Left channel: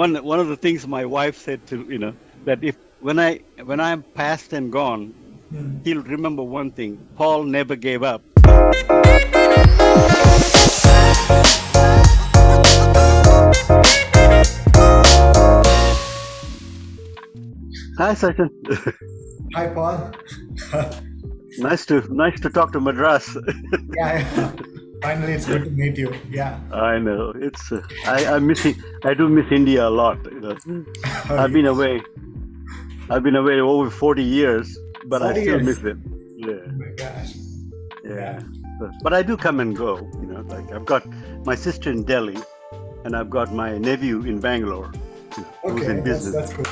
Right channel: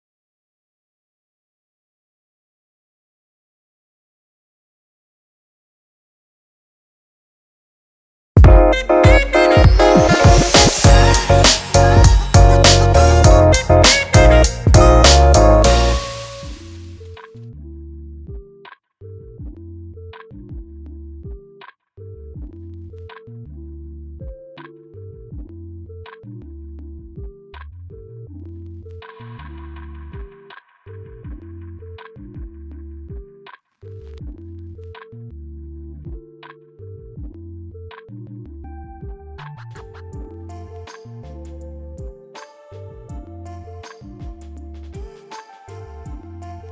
one of the things my wife said to that if when I'm past and gone, Hmm. he'll remember one thing: Paul never gave up. Hi, Sachin. Hi, Paul. Nice to talk to Madras. Yeah, yeah. Finally, it's good to meet you. Yeah. I know it's I'm missing. I do miss India a lot. Oh, I've been yes. away. I've been away over 40 years, but I 40 still years. miss it. Yeah, Oh my gosh. Yeah. yeah. But I do come and go. Like I've got my sister in Delhi, and I've got my nephew in Bangalore, who's in Okay, that's business. that's good.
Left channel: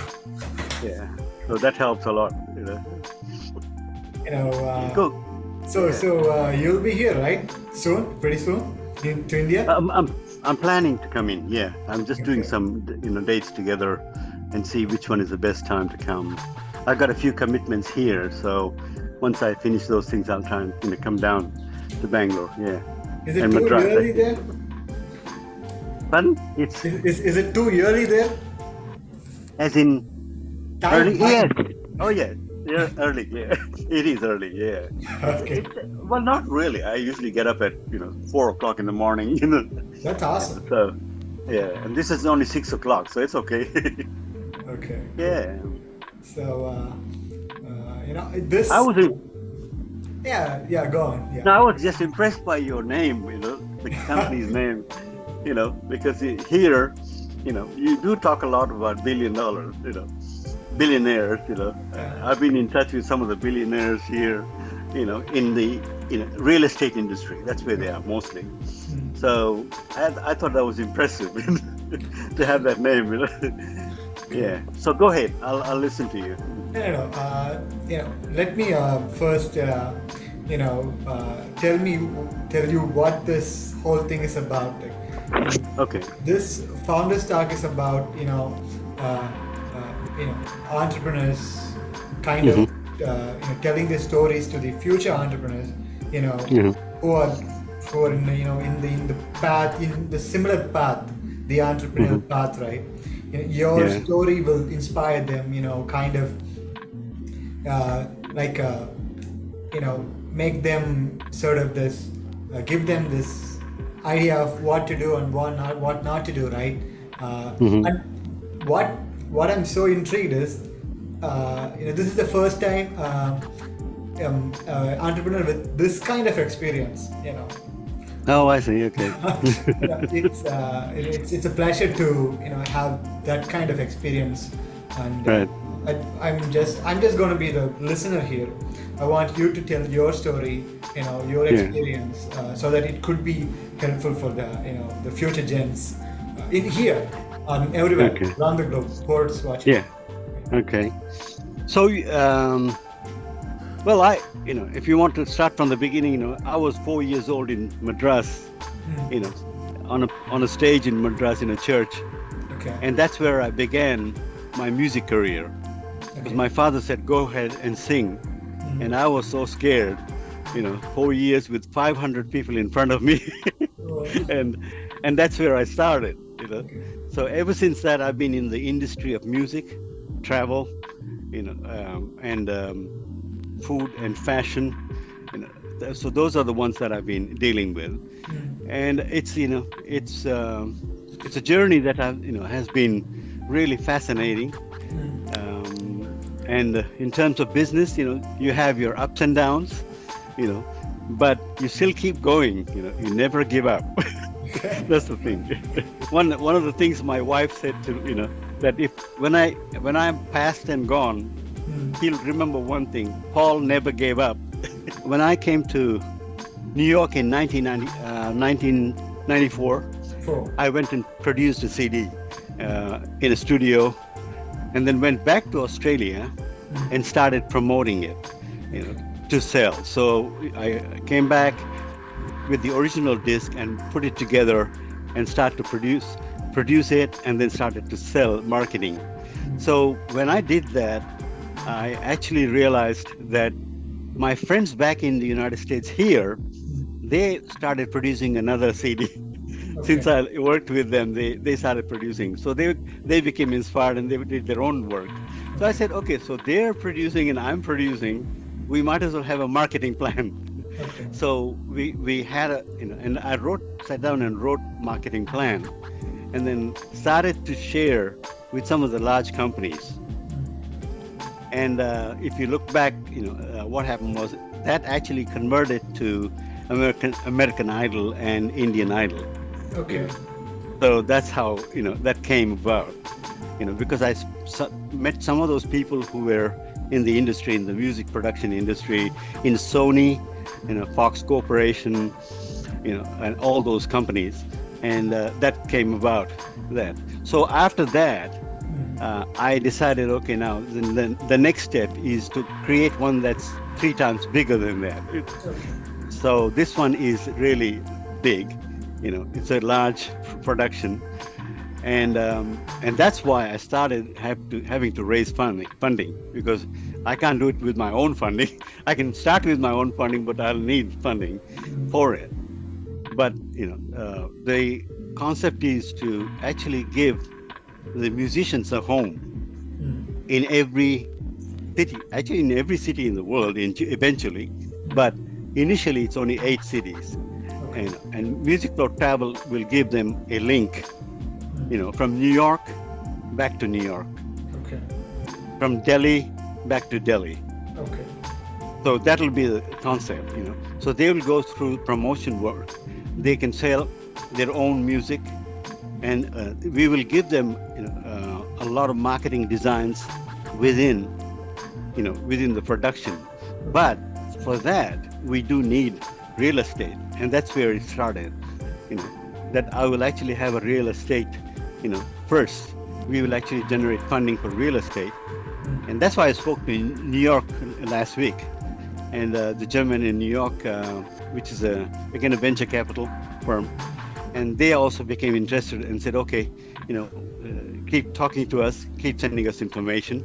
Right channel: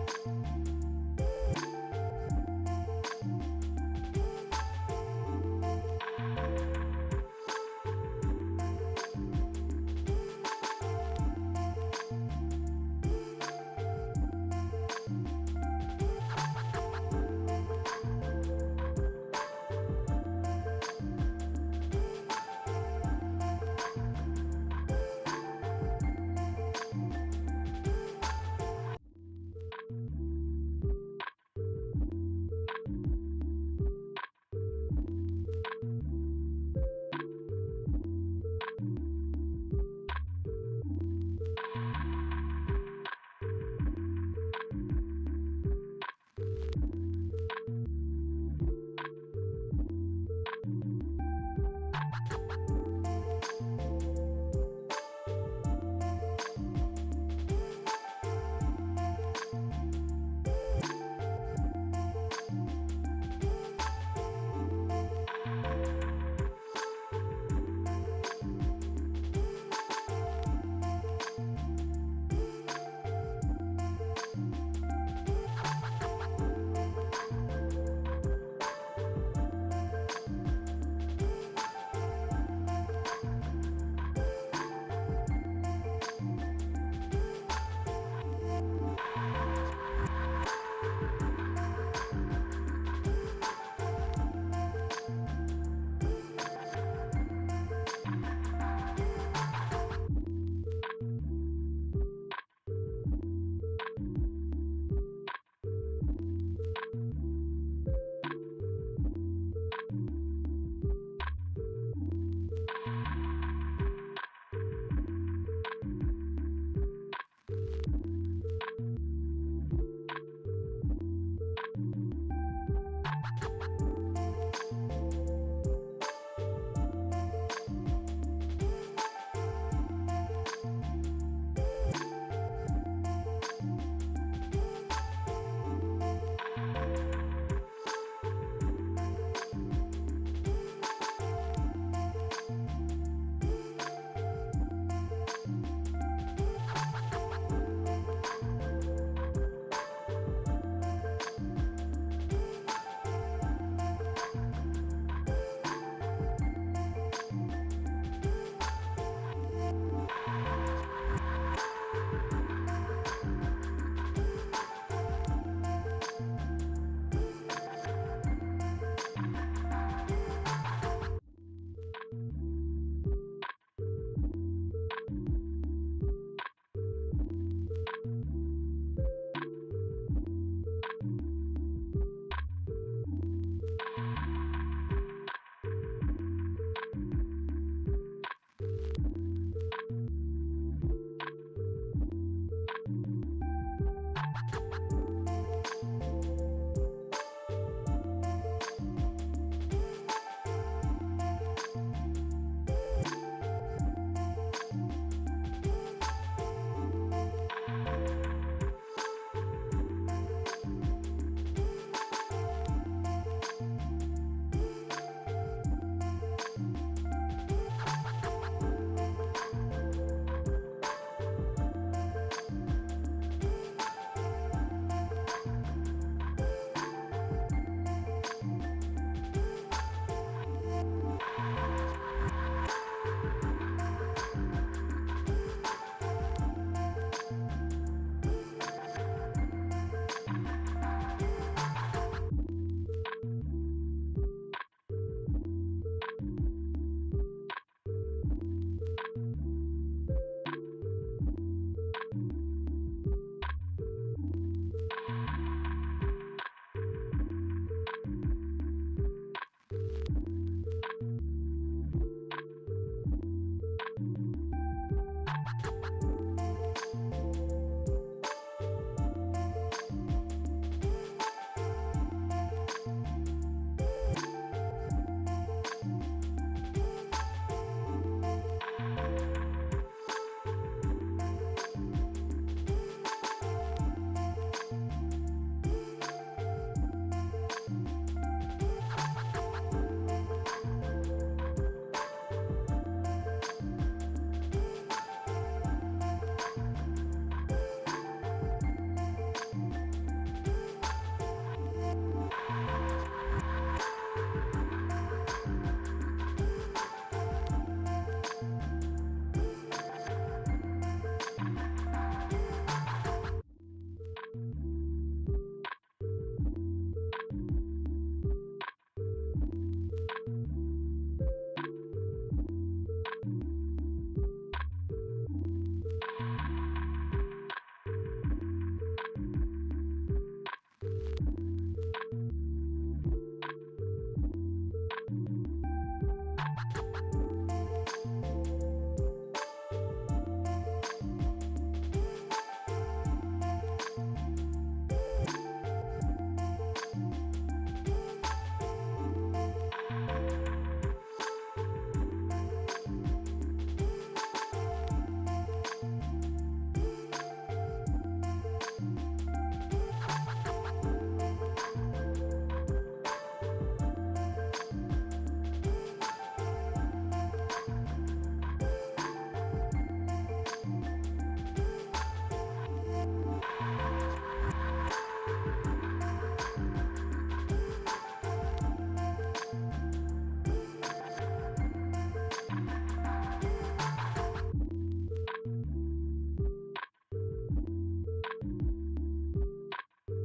Yeah, so that helps a lot. You know, Go. Yeah. you'll be here, right? Soon, pretty soon, to India. I'm I'm I'm planning to come in. Yeah, I'm just doing Okay. some dates together, and see which one is the best time to come. I've got a few commitments here, so once I finish those things, I'll try and come down to Bangalore. Yeah, Is it and too Madras. early there? Pardon? It's Is it too early there? as in Time, early. Yes. time. Oh yes. Yeah, early. Yeah, it is early. Yeah. Okay, It's well, not really. I usually get up at 4 o'clock in the morning. that's awesome. So yeah, and this is only 6 o'clock, so it's okay. Okay, cool. Yeah. So, I this. was in, Yeah, yeah. Go on. Yeah. no, I was just impressed by your name. The company's name. Because here, you do talk a lot about $1 billion. Billionaires. I've been in touch with some of the billionaires here. In the real estate industry. That's where they are mostly. Hmm. So I thought that was impressive to have that name. Yeah. So go ahead. I'll listen to you. No, no, no. Let me first, tell me, tell you what this whole thing is about. Okay. This Founders Talk is about, entrepreneurs kind of, Hmm. telling their stories to the future entrepreneurs, you know, Hmm. who are, in the, in the path, in the similar path, the Hmm. entrepreneurial path, right? Your Yeah. story will inspire them, kind of like make them sort of this give them this idea of what to do and what not to do, right? Hmm. And what I'm so intrigued is this is the first time entrepreneur with this kind of experience, Oh, I see. Okay. it's a pleasure to have that kind of experience, and Right. I'm just going to be the listener here. I want you to tell your story, your Yeah. experience, so that it could be helpful for the the future gens in here, everywhere Okay. around the globe, who's watching. Yeah. Okay. So, well, if you want to start from the beginning, I was 4 years old in Madras, you know, on a stage in Madras in a church, Okay. and that's where I began my music career. Because Okay. my father said, "Go ahead and sing," and I was so scared. 4 years with 500 people in front of me, Oh, and that's where I started. okay. So ever since that, I've been in the industry of music, travel, and food and fashion. So those are the ones that I've been dealing with, Mm. and it's a journey that has been really fascinating. Mm. And in terms of business, you have your ups and downs, you know, but you still keep going. You never give up. Okay. That's the thing. One of the things my wife said to that if when I'm past and gone, Mm. he'll remember one thing: Paul never gave up. When I came to New York in 1994, Four. I went and produced a CD in a studio, and then went back to Australia and Mm. started promoting it, to sell. So I came back with the original disc and put it together and start to produce it, and then started to sell, marketing. So when I did that, I actually realized that my friends back in the United States here, they started producing another CD. Okay. since I worked with them, they started producing. So they became inspired and they did their own work. So I Okay. said, okay, so they're producing and I'm producing. We might as well have a marketing plan. Okay. So we had a, and I sat down and wrote marketing plan, and then started to share with some of the large companies. And if you look back, what happened was that actually converted to American Idol and Indian Idol. You Okay. know, so that's how that came about. Because met some of those people who were in the industry, in the music production industry, in Sony, Fox Corporation, and all those companies, and that came about that. So after that, I decided, okay, now the next step is to create one that's 3 times bigger than that. Okay. So this one is really big. It's a large production, and that's why I started having to raise funding because I can't do it with my own funding. I can start with my own funding, but I'll need funding for it. But the concept is to actually give the musicians a home in every city, actually in every city in the world, eventually. But initially, it's only 8 cities, Okay. and Music Flow Travel will give them a link, from New York back to New York, Okay. from Delhi back to Delhi. Okay. So that'll be the concept. So they will go through promotion work. They can sell their own music, and we will give them, a lot of marketing designs within, within the production. But for that, we do need real estate, and that's where it started. You know, that I will actually have a real estate. First, we will actually generate funding for real estate, and that's why I spoke to New York last week, and the gentleman in New York, which is again a venture capital firm, and they also became interested and said, okay, keep talking to us, keep sending us information,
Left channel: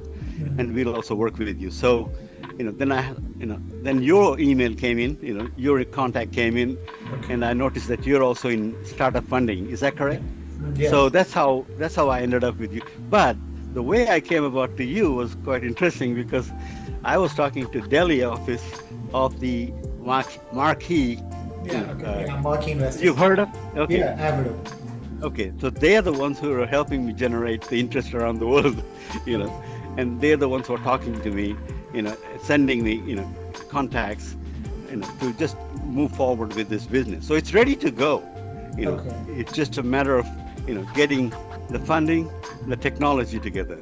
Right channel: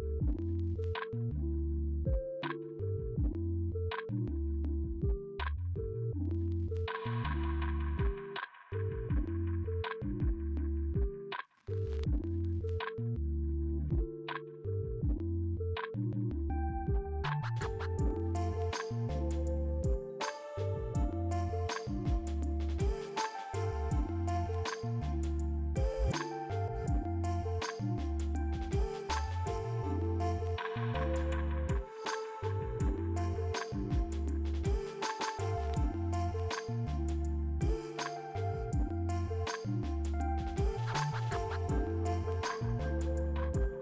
and we'll also work with you. So, then your email came in, your contact came in, Okay. and I noticed that you're also in startup funding. Is that Yeah. correct? Yes. So that's how I ended up with you. But the way I came about to you was quite interesting because I was talking to Delhi office of the Marquee. Yeah. Okay. Yeah. Marquee investors. You've heard of? Okay. Yeah. Avid. Okay, so they are the ones who are helping me generate the interest around the world, you know, and they're the ones who are talking to me, sending me, contacts, to just move forward with this business. So it's ready to go. Okay. It's just a matter of, getting the funding, the technology together.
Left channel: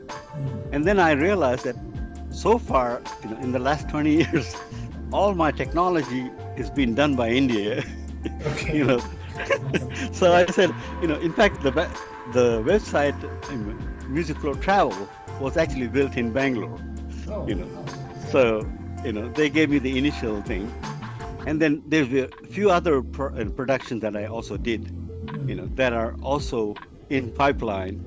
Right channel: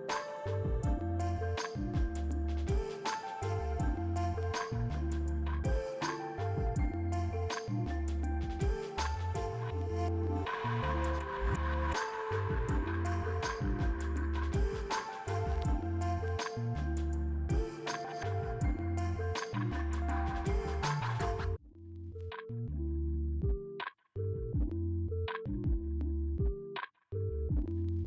And then I realized that so far, in the last 20 years, all my technology is being done by India. Okay. you know, so I said, in fact, the website Music Flow Travel was actually built in Bangalore. Oh. You know, so they gave me the initial thing, and then there's a few other productions that I also did, that are also in pipeline.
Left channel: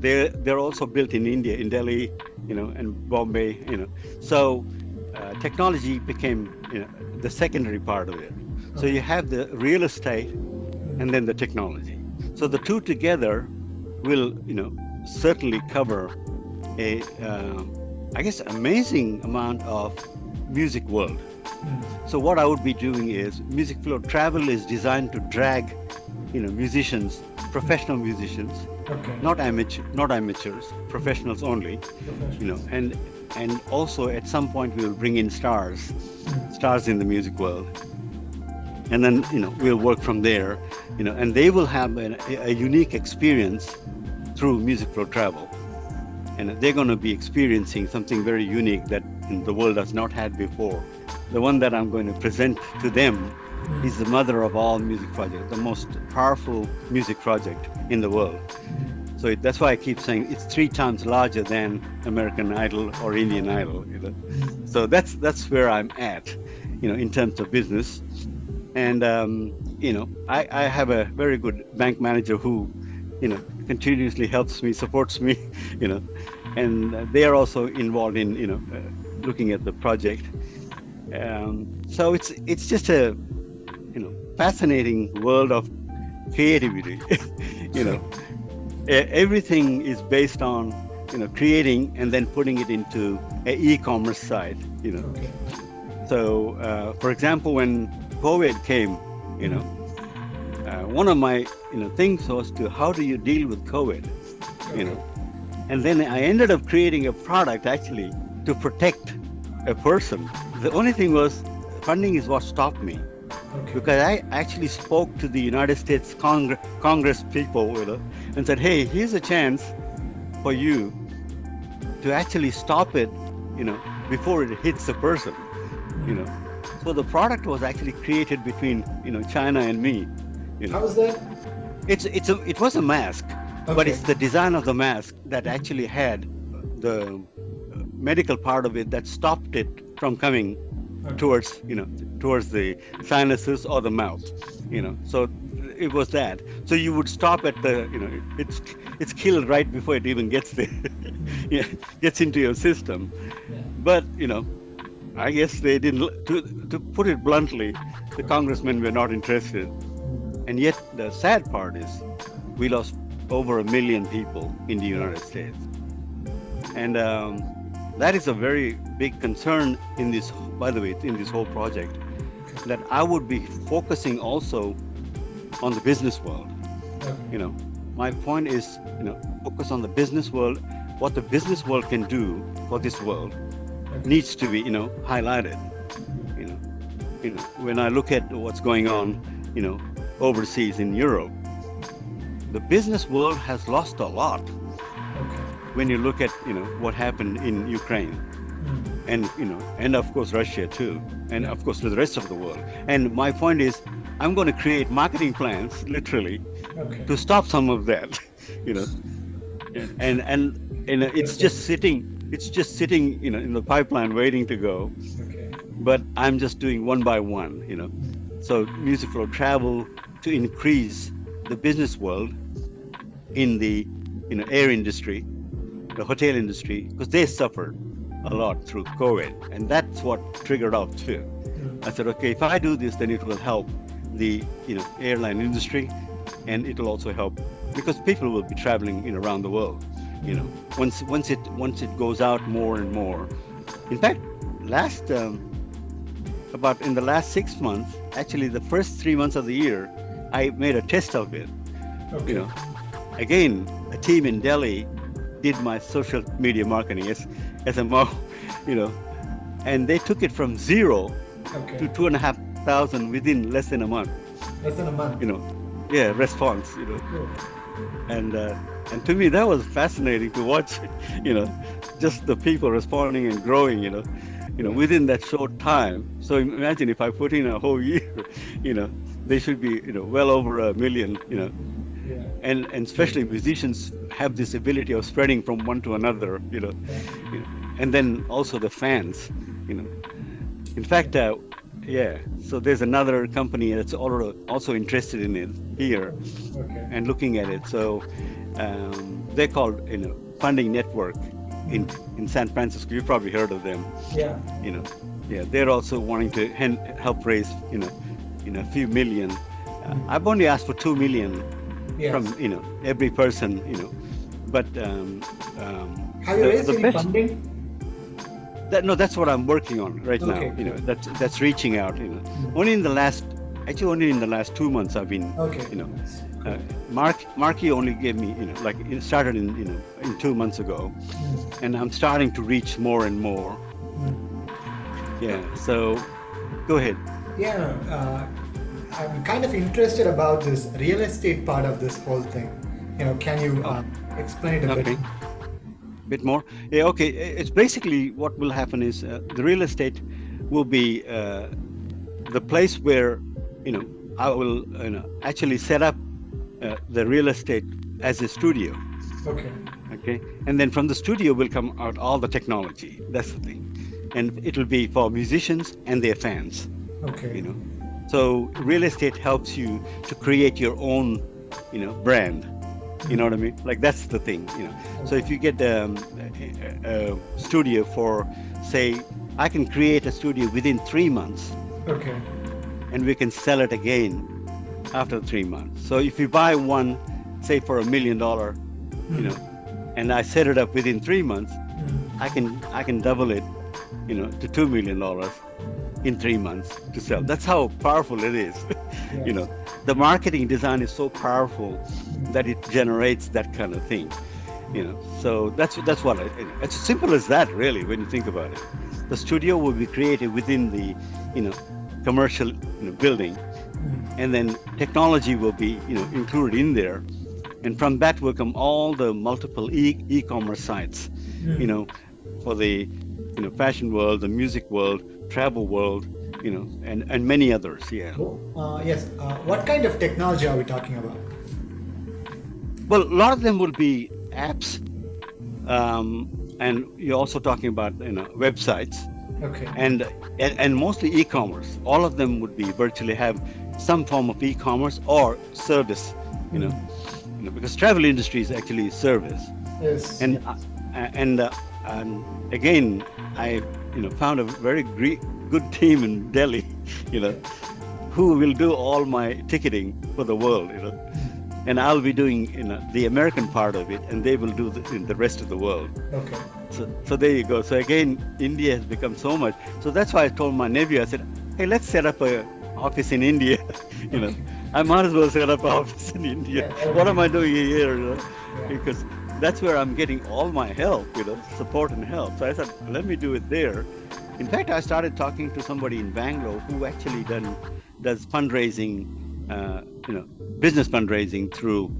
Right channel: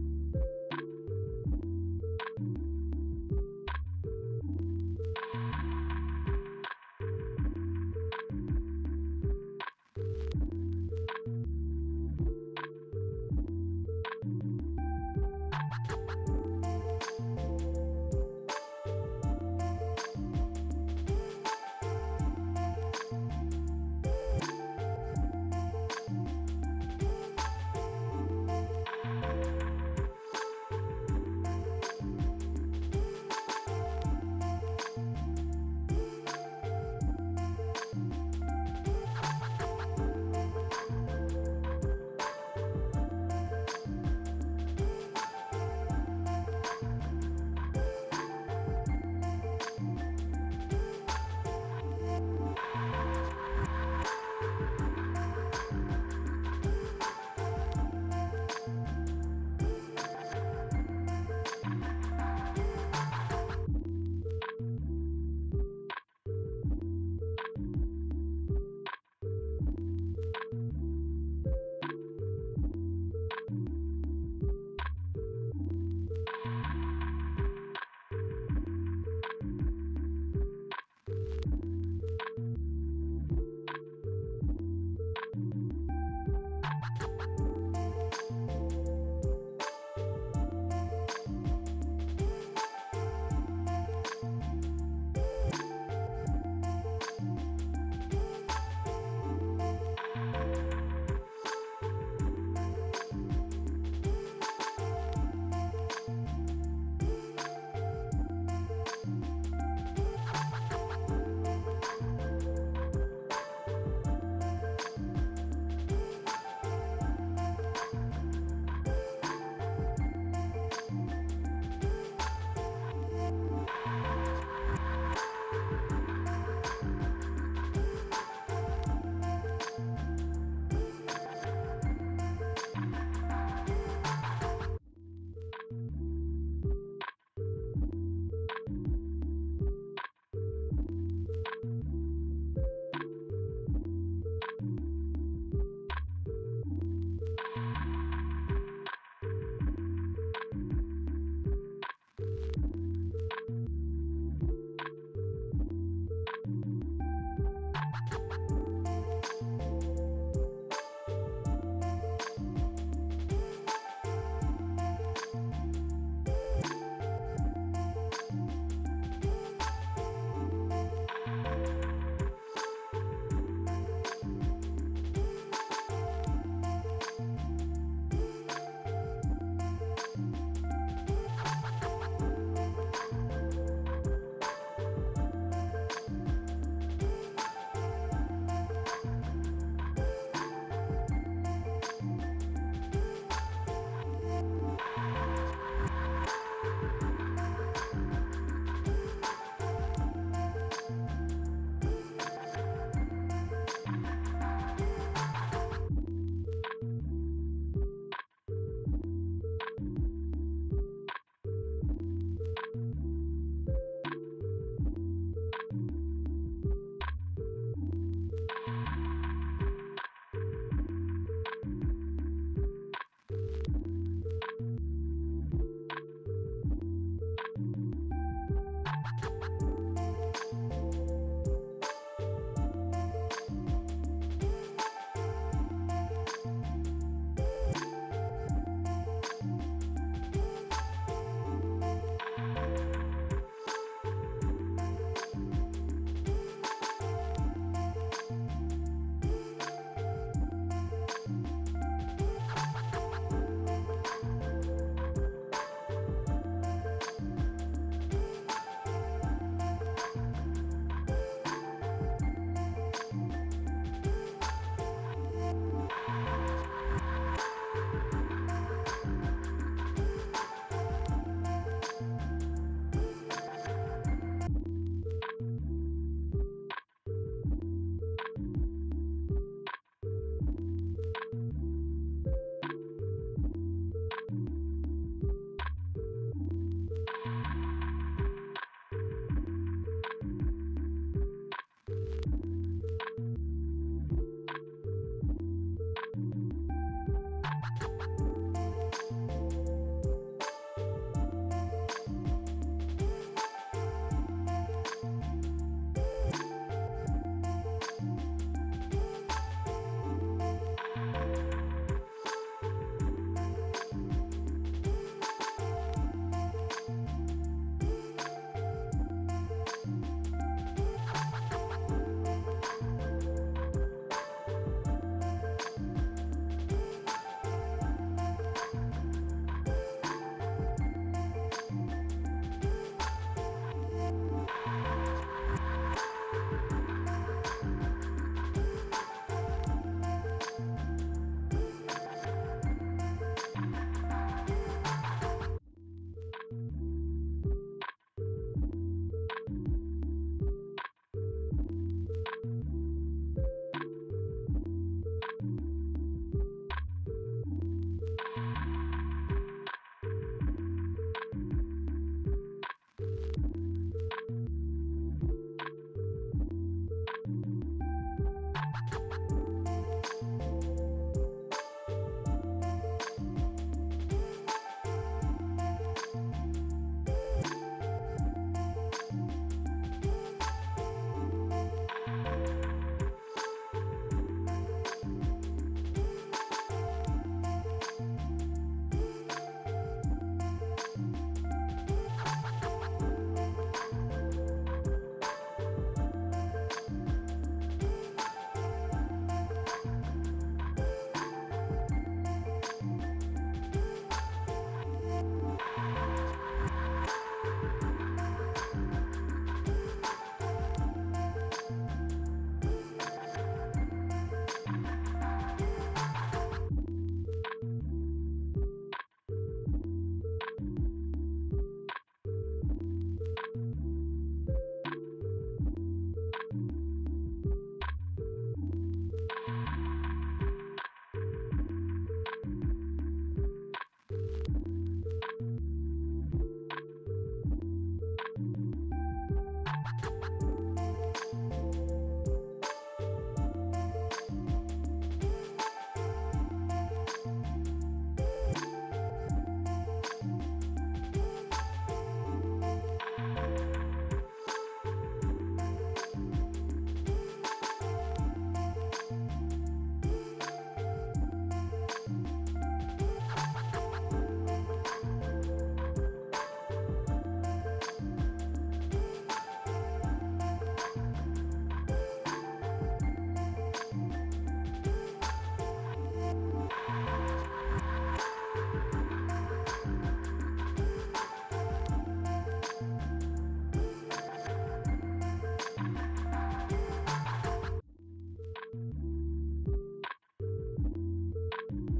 They're also built in India, in Delhi, and Bombay. So technology became the secondary part of it. So Okay. you have the real estate and then the technology. So the two together will, certainly cover a, I guess, amazing amount of music world. So what I would be doing is Music Flow Travel is designed to drag, musicians, professional musicians, Okay. not amateurs, professionals only, Professionals. and also at some point we will bring in stars in the music world, and then we'll work from there, and they will have a unique experience through Music Flow Travel, and they're going to be experiencing something very unique that the world has not had before. The one that I'm going to present to them is the mother of all music projects, the most powerful music project in the world. So that's why I keep saying it's 3 times larger than American Idol or Indian Idol. So that's where I'm at, in terms of business. And I have a very good bank manager who, continuously helps me, supports me, and they are also involved in, looking at the project. So it's just a fascinating world of creativity. you know, everything is based on creating and then putting it into an e-commerce site. Okay. So, for example, when COVID came, you know, one of my things was to how do you deal with COVID, you know, and then I ended up creating a product actually to protect a person. The only thing was funding is what stopped me Okay. because I actually spoke to the United States Congress people, and said, hey, here's a chance for you to actually stop it, before it hits the person, you know. So the product was actually created between, China and me, you know. How is that? It was a mask, but Okay. it's the design of the mask that actually had the medical part of it that stopped it from coming Okay. towards the sinuses or the mouth, So it was that. So you would stop at the, it's killed right before it even gets there, yeah, gets into your system. Yeah. But I guess they didn't. To put it bluntly, the congressmen were not interested. And yet the sad part is, we lost over 1 million people in the United States, and that is a very big concern in this. By the way, in this whole project, that I would be focusing also on the business world. Okay. My point is, focus on the business world. What the business world can do for this world needs to be, highlighted. When I look at what's going on, overseas in Europe, the business world has lost a lot. When you look at, what happened in Ukraine, and and of course Russia too, and of course to the rest of the world. And my point is, I'm going to create marketing plans, literally, Okay. to stop some of that, and it's just sitting, in the pipeline waiting to go. Okay. But I'm just doing one by one, So music will travel to increase the business world in the air industry, the hotel industry, because they suffered a lot through COVID, and that's what triggered off too. I said, okay, if I do this, then it will help the airline industry, and it will also help because people will be traveling around the world. Once it goes out more and more. In fact, about in the last 6 months, actually the first 3 months of the year, I made a test of it. Okay. Again, a team in Delhi did my social media marketing as SMO, and they took it from 0 Okay. to 2,500 within less than a month. Less than a month. Response. Cool. And to me that was fascinating to watch, just the people responding and growing, within that short time. So imagine if I put in a whole year, they should be, well over 1 million, Yeah. and especially musicians have this ability of spreading from one to another, and then also the fans, In fact, so there's another company that's also interested in it here Okay. and looking at it. So they're called, Funding Network in San Francisco. You've probably heard of them. Yeah. They're also wanting to help raise, a few million. I've only asked for 2 million Yes. from, every person, but Have you raised the any best. funding? That's what I'm working on right now. Okay. That's reaching out. Only in the last 2 months I've been. Okay. Marky only gave me, it started in 2 months ago, and I'm starting to reach more and more. Yeah. So, go ahead. Yeah. I'm kind of interested about this real estate part of this whole thing. Can you explain it a bit? Okay. Bit more. Yeah. Okay. It's basically what will happen is the real estate will be the place where I will actually set up the real estate as a studio. Okay. Okay, and then from the studio will come out all the technology. That's the thing, and it will be for musicians and their fans. Okay. So real estate helps you to create your own, brand. You know what I mean? Like that's the thing. So if you get a studio for, say, I can create a studio within 3 months, Okay. and we can sell it again after 3 months. So if you buy one, say for $1 million, you know, and I set it up within 3 months, I can double it, to $2 million in 3 months to sell. That's how powerful it is. you Yes. know, the marketing design is so powerful that it generates that kind of thing. So that's what it's as simple as that, really, when you think about it. The studio will be created within the, commercial, building, and then technology will be, included in there, and from that will come all the multiple e-commerce sites, you know, for the, fashion world, the music world, travel world, and many others. Yeah. Yes. What kind of technology are we talking about? Well, a lot of them will be apps, and you're also talking about, websites, Okay. and mostly e-commerce. All of them would be virtually have some form of e-commerce or service, because travel industry is actually service. Yes. And and again, I found a very good team in Delhi, you know, who will do all my ticketing for the world, and I'll be doing the American part of it, and they will do the rest of the world. Okay. So there you go. So again, India has become so much. So that's why I told my nephew, I said, hey, let's set up a office in India. you know, I might as well set up an office in India. Yeah, What am I doing here? Yeah. Because that's where I'm getting all my help, support and help. So I said, let me do it there. In fact, I started talking to somebody in Bangalore who actually does fundraising, business fundraising through,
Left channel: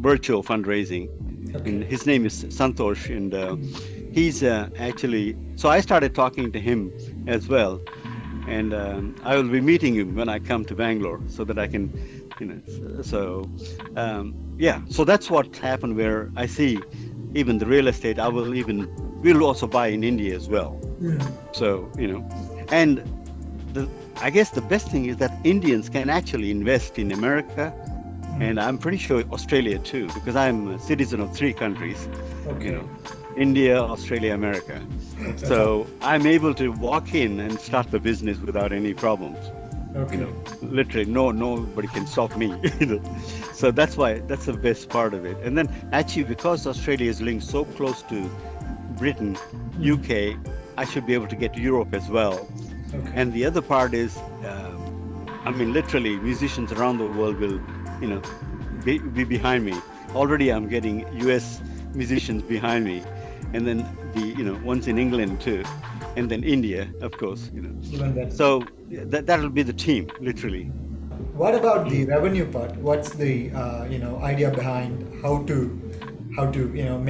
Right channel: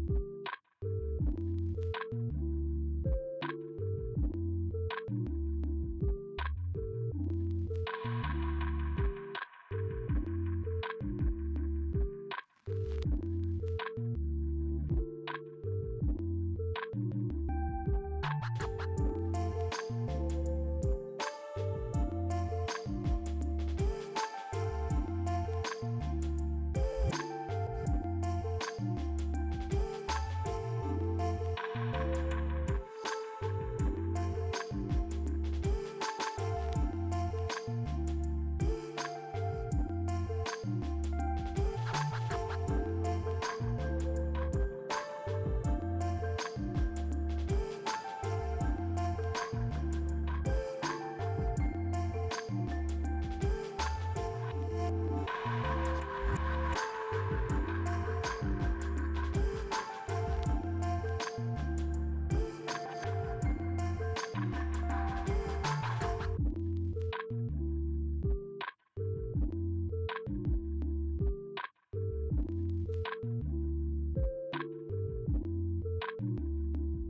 virtual fundraising. Okay. And his name is Santosh, and he's actually. So I started talking to him as well, and I will be meeting him when I come to Bangalore, so that I can, yeah. So that's what happened. Where I see, even the real estate, we'll also buy in India as well. So and I guess the best thing is that Indians can actually invest in America, and I'm pretty sure Australia too, because I'm a citizen of 3 countries, Okay. India, Australia, America. So I'm able to walk in and start the business without any problems. Okay. Literally, nobody can stop me. So that's the best part of it. And then actually, because Australia is linked so close to Britain, UK, I should be able to get to Europe as well. Okay. And the other part is, literally, musicians around the world will, be behind me. Already, I'm getting US musicians behind me, and then the, ones in England too, and then India, of course. Even that. So that'll be the team, literally. What about the revenue part? What's the idea behind how to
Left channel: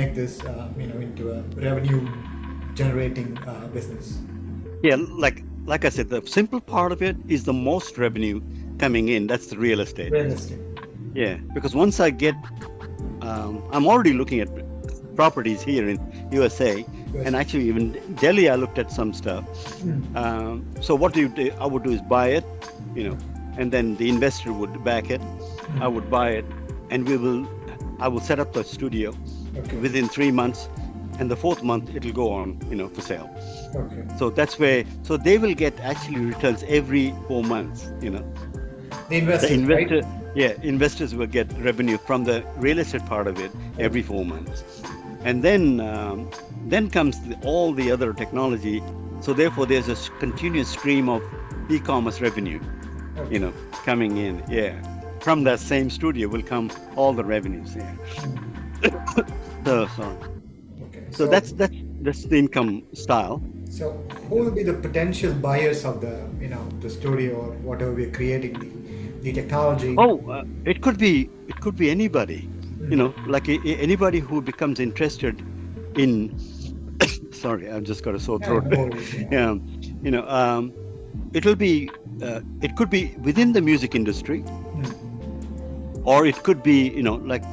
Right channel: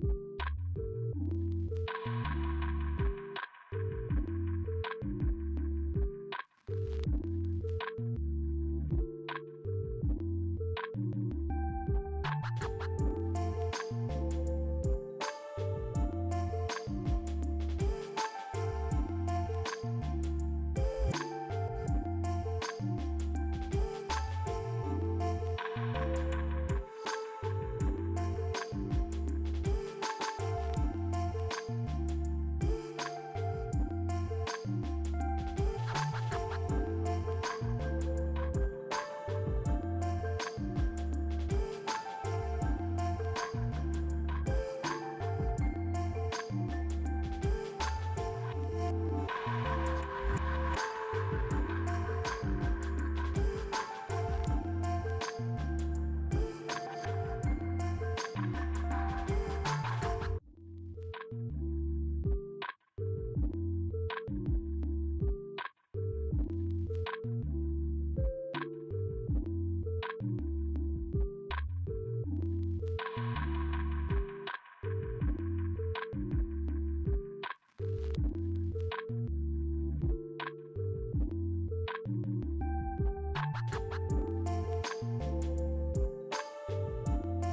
make this into a revenue generating business? Yeah, like I said, the simple part of it is the most revenue coming in. That's the real estate. Real estate. Yeah, because once I get, I'm already looking at properties here in USA, and actually even Delhi, I looked at some stuff. So what I would do is buy it, and then the investor would back it. I would buy it, and I will set up the studio within 3 months, and the 4th month it'll go on, for sale. Okay. So that's where, so they will get actually returns every 4 months, The investor, The investor, right? yeah, investors will get revenue from the real estate part of it every 4 months, and then comes all the other technology. So therefore, there's a continuous stream of e-commerce revenue, coming in. Yeah, from that same studio will come all the revenues. Yeah. Sorry. Okay. So that's the income style. So who will be the potential buyers of the studio or whatever we're creating, the technology? Oh, it could be anybody, like anybody who becomes interested in. Sorry, I've just got a sore throat. Yeah, it could be within the music industry, or it could be like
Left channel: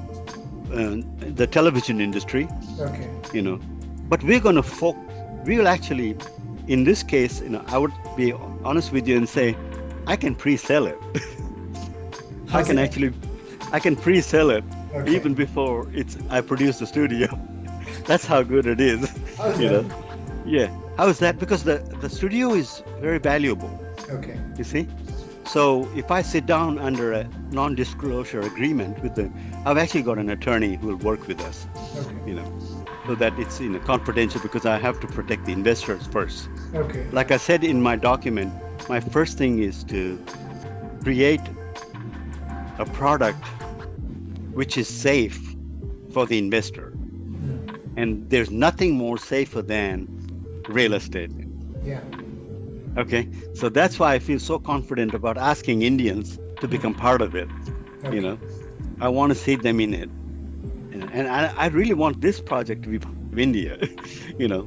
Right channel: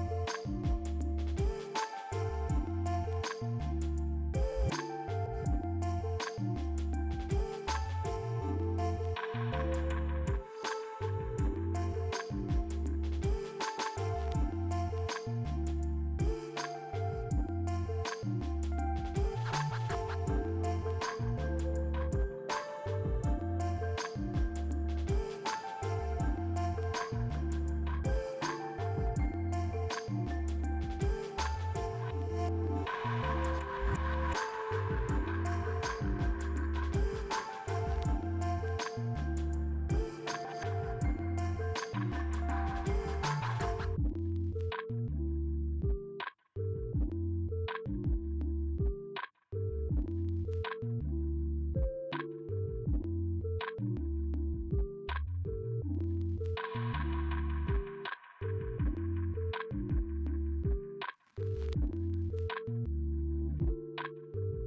the television industry. Okay. But we're going to we will actually, in this case, I would be honest with you and say, I can pre-sell it. I can pre-sell it even before I produce the studio. That's how good it is. Yeah. How is that? Because the studio is very valuable. Okay. You see, So if I sit down under a non-disclosure agreement with the, I've actually got an attorney who will work with us, you Okay. know, so that it's confidential because I have to protect the investors first. Okay. Like I said in my document, my first thing is to create a product which is safe for the investor. And there's nothing more safer than real estate. Yeah. Okay. So that's why I feel so confident about asking Indians to become part of it. You Okay. know, I want to see them in it. And I really want this project to be part of India, you know,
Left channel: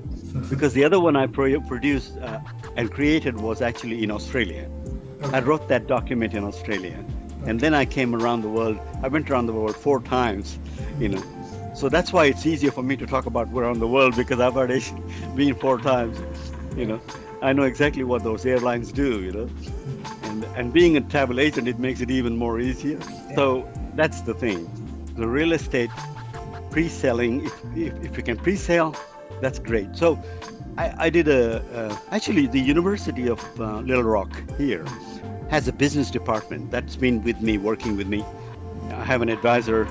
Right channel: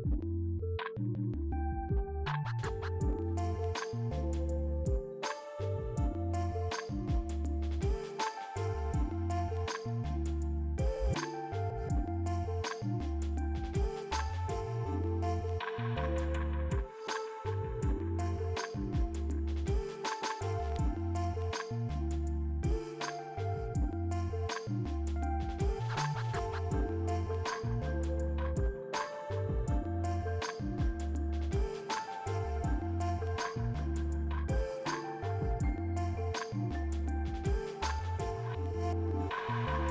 because the other one I produced and created was actually in Australia. I Okay. wrote that document in Australia. And Okay. then I came around the world. I went around the world 4 times, you know. So that's why it's easier for me to talk about around the world because I've already been 4 times, you Yeah. know. I know exactly what those airlines do, you know. And being a travel agent, it makes it even more easier. Yeah. So that's the thing. The real estate pre-selling, if you can pre-sale, that's great. So I did actually the University of Little Rock here has a business department that's been with me, working with me. I have an advisor.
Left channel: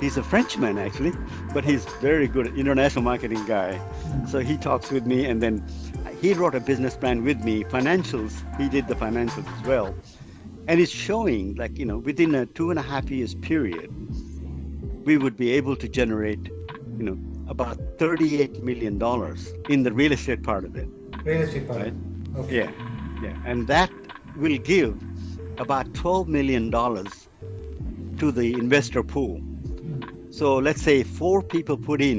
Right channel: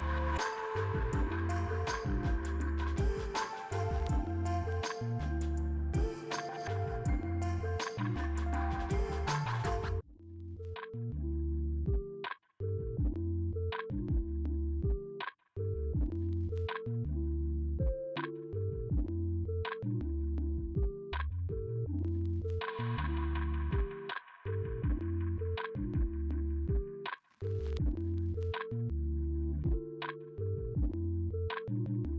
He's a Frenchman actually, but he's very good international marketing guy. So he talks with me, and then he wrote a business plan with me, financials. He did the financials as well, and it's showing like within a 2.5 years period, we would be able to generate you know about $38 million in the real estate part of it, Real estate part. right? Okay. Yeah, yeah, and that will give about $12 million to the investor pool. So let's say four people put in,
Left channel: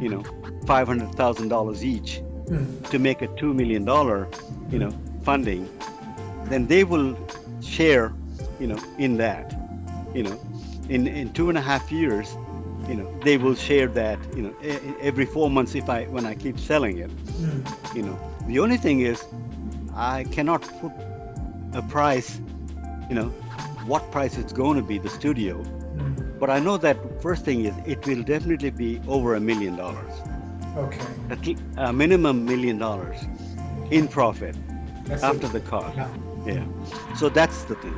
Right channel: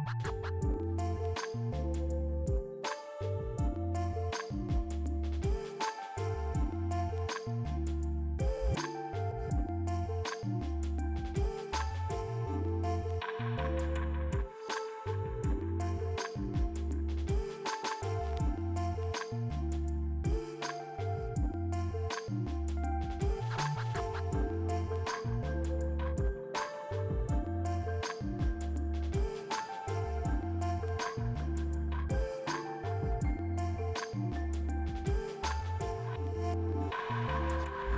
you know, $500,000 each to make a $2 million, funding. Then they will share, in that, you know, in 2.5 years, they will share that, every 4 months when I keep selling it, you know. The only thing is I cannot put a price, you know, what price it's going to be, the studio. But I know that first thing is it will definitely be over $1 million, Okay. a minimum $1 million in profit That's it. after the cost. Yeah. Yeah. So that's the thing.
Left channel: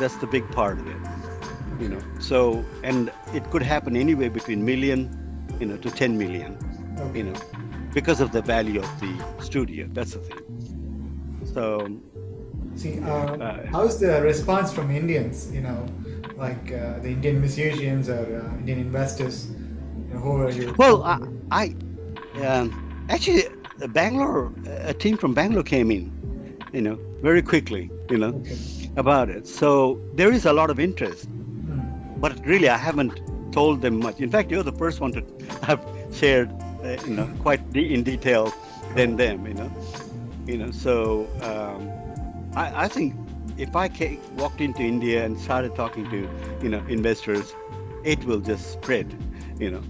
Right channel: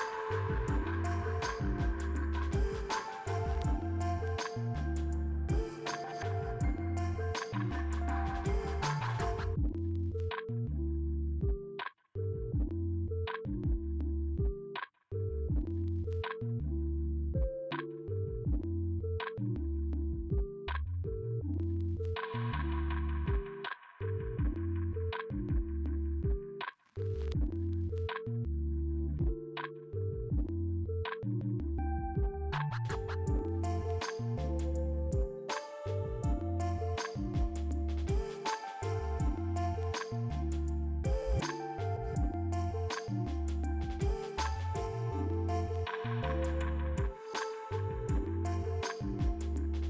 That's the big part of it. So and it could happen anywhere between million, to 10 million, Okay. because of the value of the studio. That's the thing. So See, uh, how's the response from Indians? Like the Indian musicians or Indian investors. Who are you well, talking with? I actually Bangalore, a team from Bangalore came in, very quickly, Okay. about it. So there is a lot of interest, but really I haven't told them much. In fact, you're the first one to have shared, quite in detail than them, So I think if I walked into India and started talking to, investors, it will just spread, you know,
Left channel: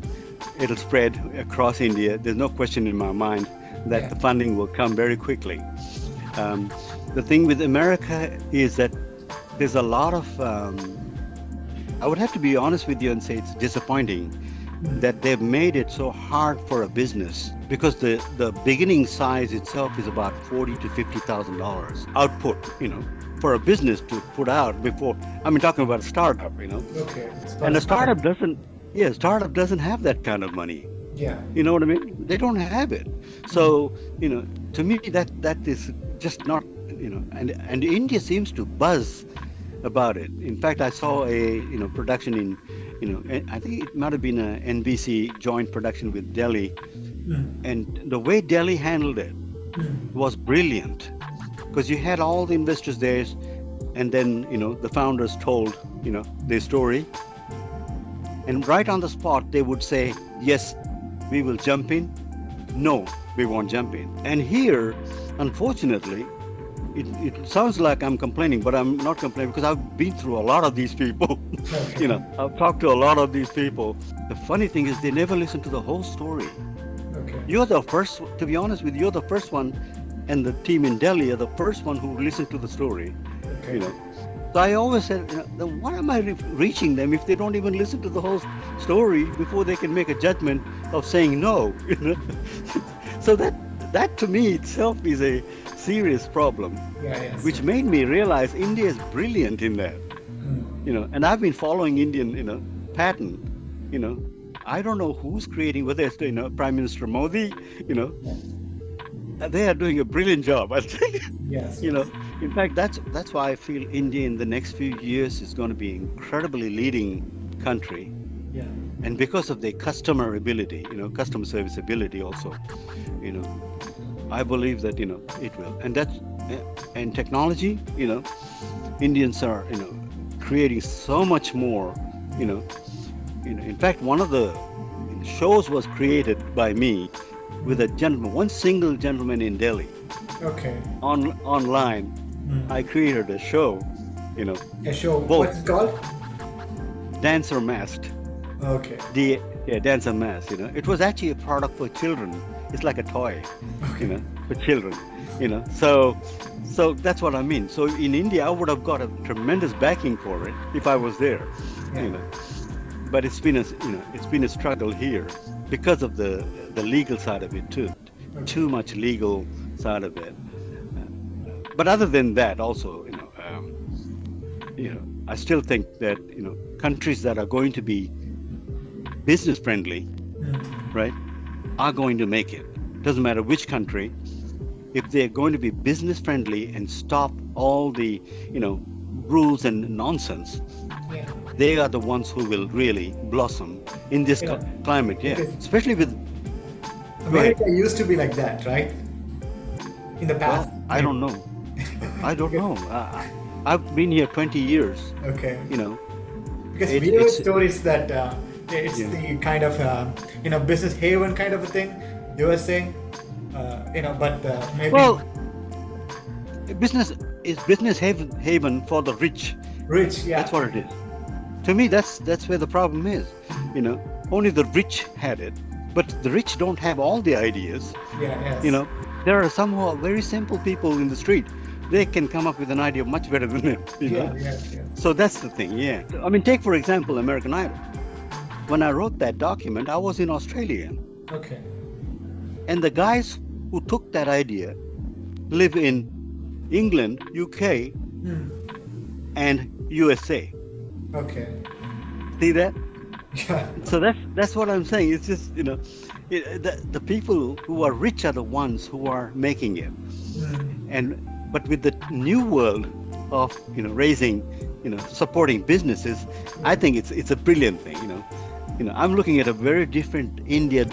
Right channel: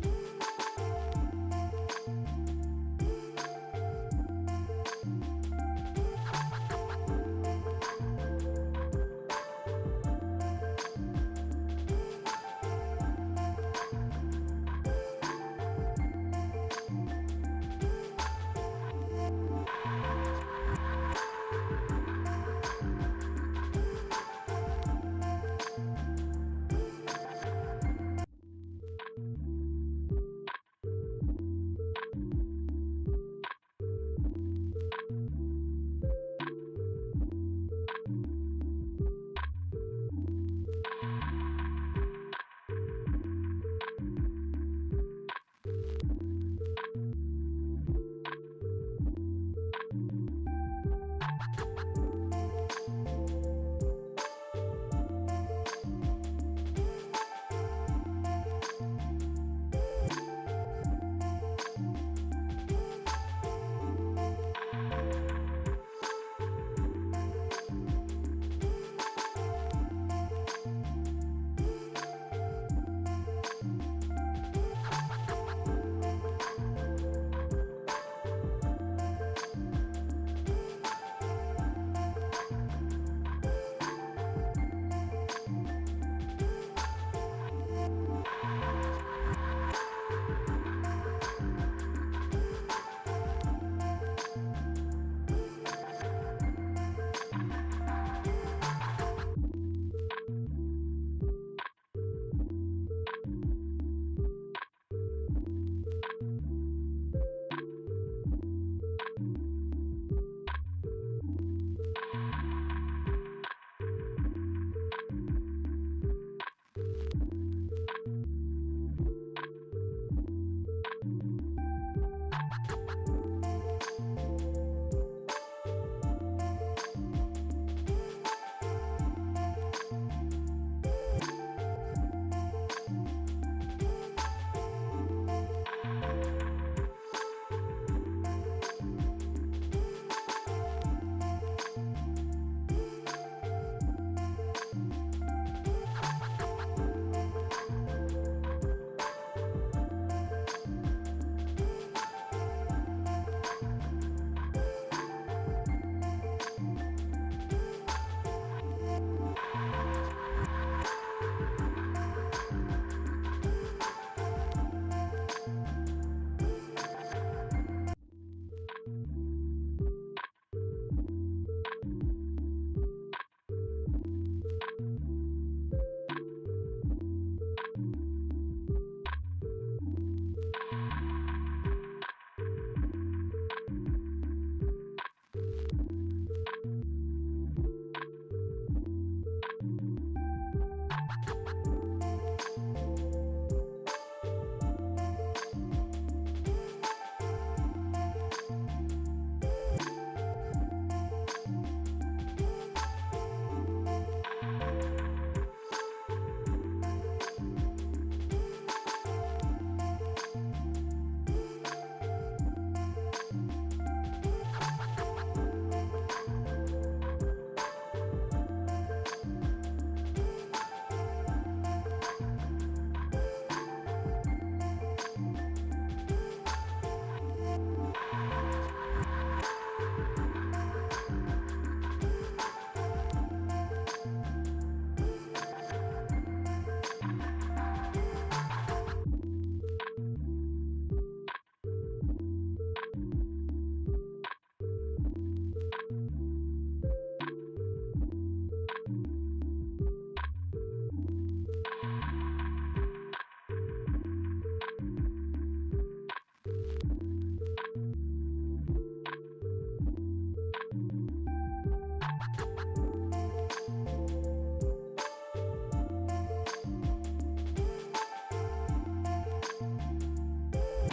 it'll spread across India. There's no question in my mind that Yeah. the funding will come very quickly. Um, the thing with America is that there's a lot of, I would have to be honest with you and say it's disappointing that they've made it so hard for a business because the beginning size itself is about $40,000 to $50,000 output, for a business to put out before. I mean, talking about a startup, Okay. It's for and a start. startup doesn't have that kind of money. Yeah. You know what I mean? They don't have it. So, to me that is just not, and India seems to buzz about it. In fact, I saw a, production in, I think it might have been a NBC joint production with Delhi, and the way Delhi handled it was brilliant because you had all the investors there, and then, the founders told, their story, and right on the spot they would say, yes, we will jump in. No, we won't jump in. And here, unfortunately, it sounds like I'm complaining, but I'm not complaining because I've been through a lot of these people. Okay. I've talked to a lot of these people. The funny thing is they never listen to the whole story. Okay. You're the first, to be honest with you, you're the first one, and the team in Delhi are the first one who listened to the story. Okay. You know, so I always said, then why am I reaching them if they don't even listen to the whole story before they can make a judgment of saying no? So that to me itself is a serious problem, Yeah, yes. which made me realize India is brilliant in that. Mm. And I've been following Indian pattern. you know I don't know who's creating, whether it's Prime Minister Modi. you know Yeah. they are doing a brilliant job, I think. Yes, you know yes. in fact, that's why I feel India in the next few years is going to be incredibly leading country. Yeah. And because of their customer ability, customer service ability also, you know I believe that it will. And technology, Indians are creating so much more. you know in fact, one of the shows was created by me with a gentleman, one single gentleman in Delhi. Okay. Online, I Mm. created a show, you know, A show. both What's it called? dancer masked, Okay. the yeah, dancer mask. It was actually a product for children. It's like a toy, you Okay. know, for children. So that's what I mean. So in India, I would have got a tremendous backing for it if I was there, Yeah. you know. But it's been a struggle here because of the legal side of it too. Okay. Too much legal side of it. But other than that, also, I still think that countries that are going to be business friendly, Mm. right, are going to make it. Doesn't matter which country. If they're going to be business friendly and stop all the rules and nonsense, Yeah. they are the ones who will really blossom in this Yeah. climate. Yeah, Because especially with. Go ahead. America used to be like that, right? In the past, Well, I maybe. don't know. I don't Because- know. I've been here 20 years. Okay. You know, Because it, we heard it's stories that it's yeah. the kind of business haven kind of a thing. You were saying, but maybe Well, business is business haven for the rich. rich. Yeah. That's what it is. To me, that's where the problem is. Only the rich had it, but the rich don't have all the ideas. Yeah. Yes. There are some who are very simple people in the street. They can come up with an idea much better than it. Yeah. Yes. Yeah. So that's the thing. Yeah. I mean, take for example American Idol. When I wrote that document, I was in Australia, Okay. and the guys who took that idea live in England, UK, Hmm. and USA. Okay. See that? Yeah. So that's what I'm saying. It's just the people who are rich are the ones who are making it. Hmm. But with the new world of raising, supporting businesses, I think it's a brilliant thing. I'm looking at a very different India.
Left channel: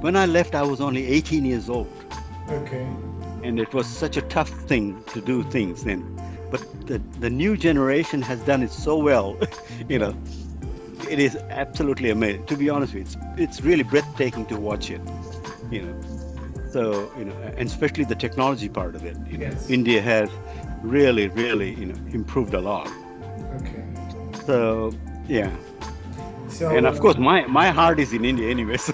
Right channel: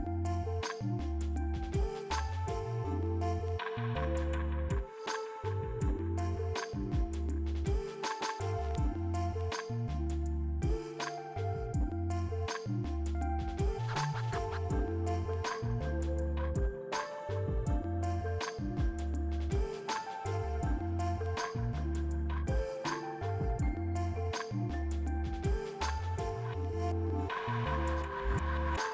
When I left, I was only 18 years old, Okay. and it was such a tough thing to do things then. But the new generation has done it so well. you know it is absolutely amazing. To be honest with you, it's really breathtaking to watch it. you know so and especially the technology part of it. Yes. India has really improved a lot. Okay. So yeah. So. And of course, my heart is in India anyway. So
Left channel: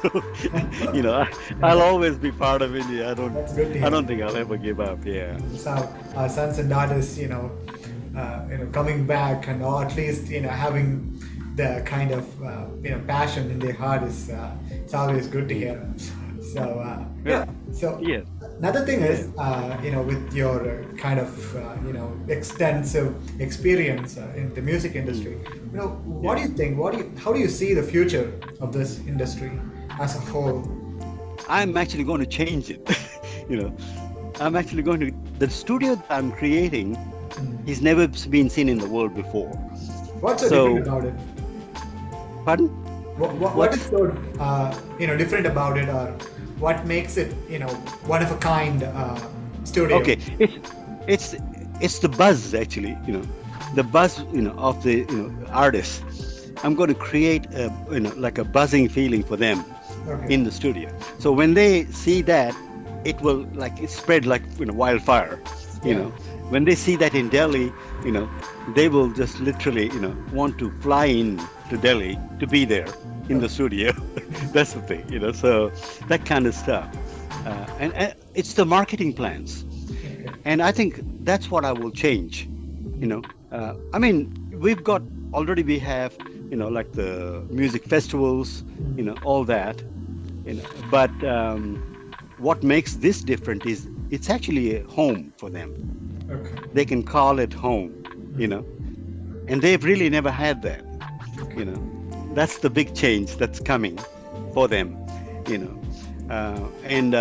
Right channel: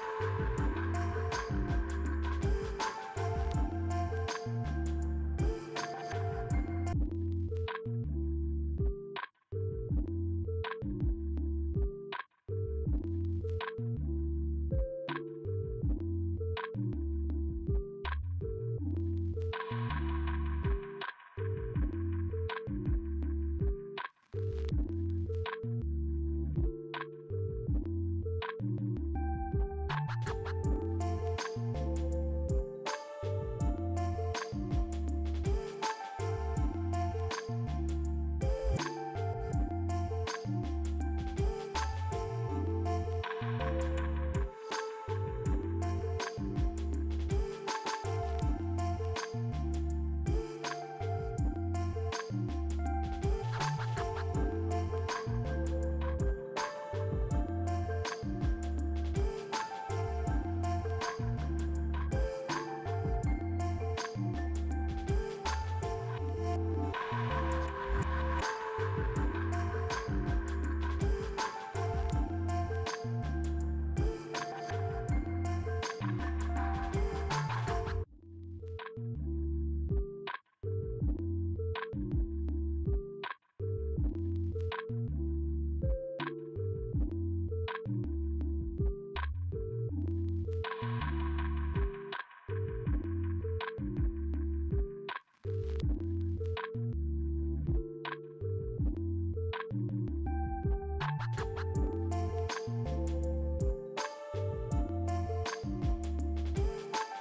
I'll always be part of India. That's good to hear. I don't think I'll ever give up. Yeah. So our sons and daughters, coming back and or at least having the kind of passion in their heart is it's always good to hear. So yeah. So Yes. another thing is with your kind of extensive experience in the music industry, what do you think? How do you see the future of this industry as a whole? I'm actually going to change it. you know, I'm actually going to. The studio that I'm creating has never been seen in the world before. What's so different about it? Pardon? What is so different about it, or what makes it one of a kind studio? Okay, it's the buzz actually. The buzz of the artists. I'm going to create like a buzzing feeling for them Okay. in the studio. So when they see that, it will spread like wildfire. When they see that in Delhi, they will just literally want to fly in to Delhi to be there in the studio. That's the thing. So that kind of stuff. And it's the marketing plans. Okay. And I think that's what I will change. I mean, we have like the music festivals, all that. But what makes this different is it's actually a home for them. Okay. They can call it home, you know, and they've really never had that, you know. That's the big change that's coming for them, you know. And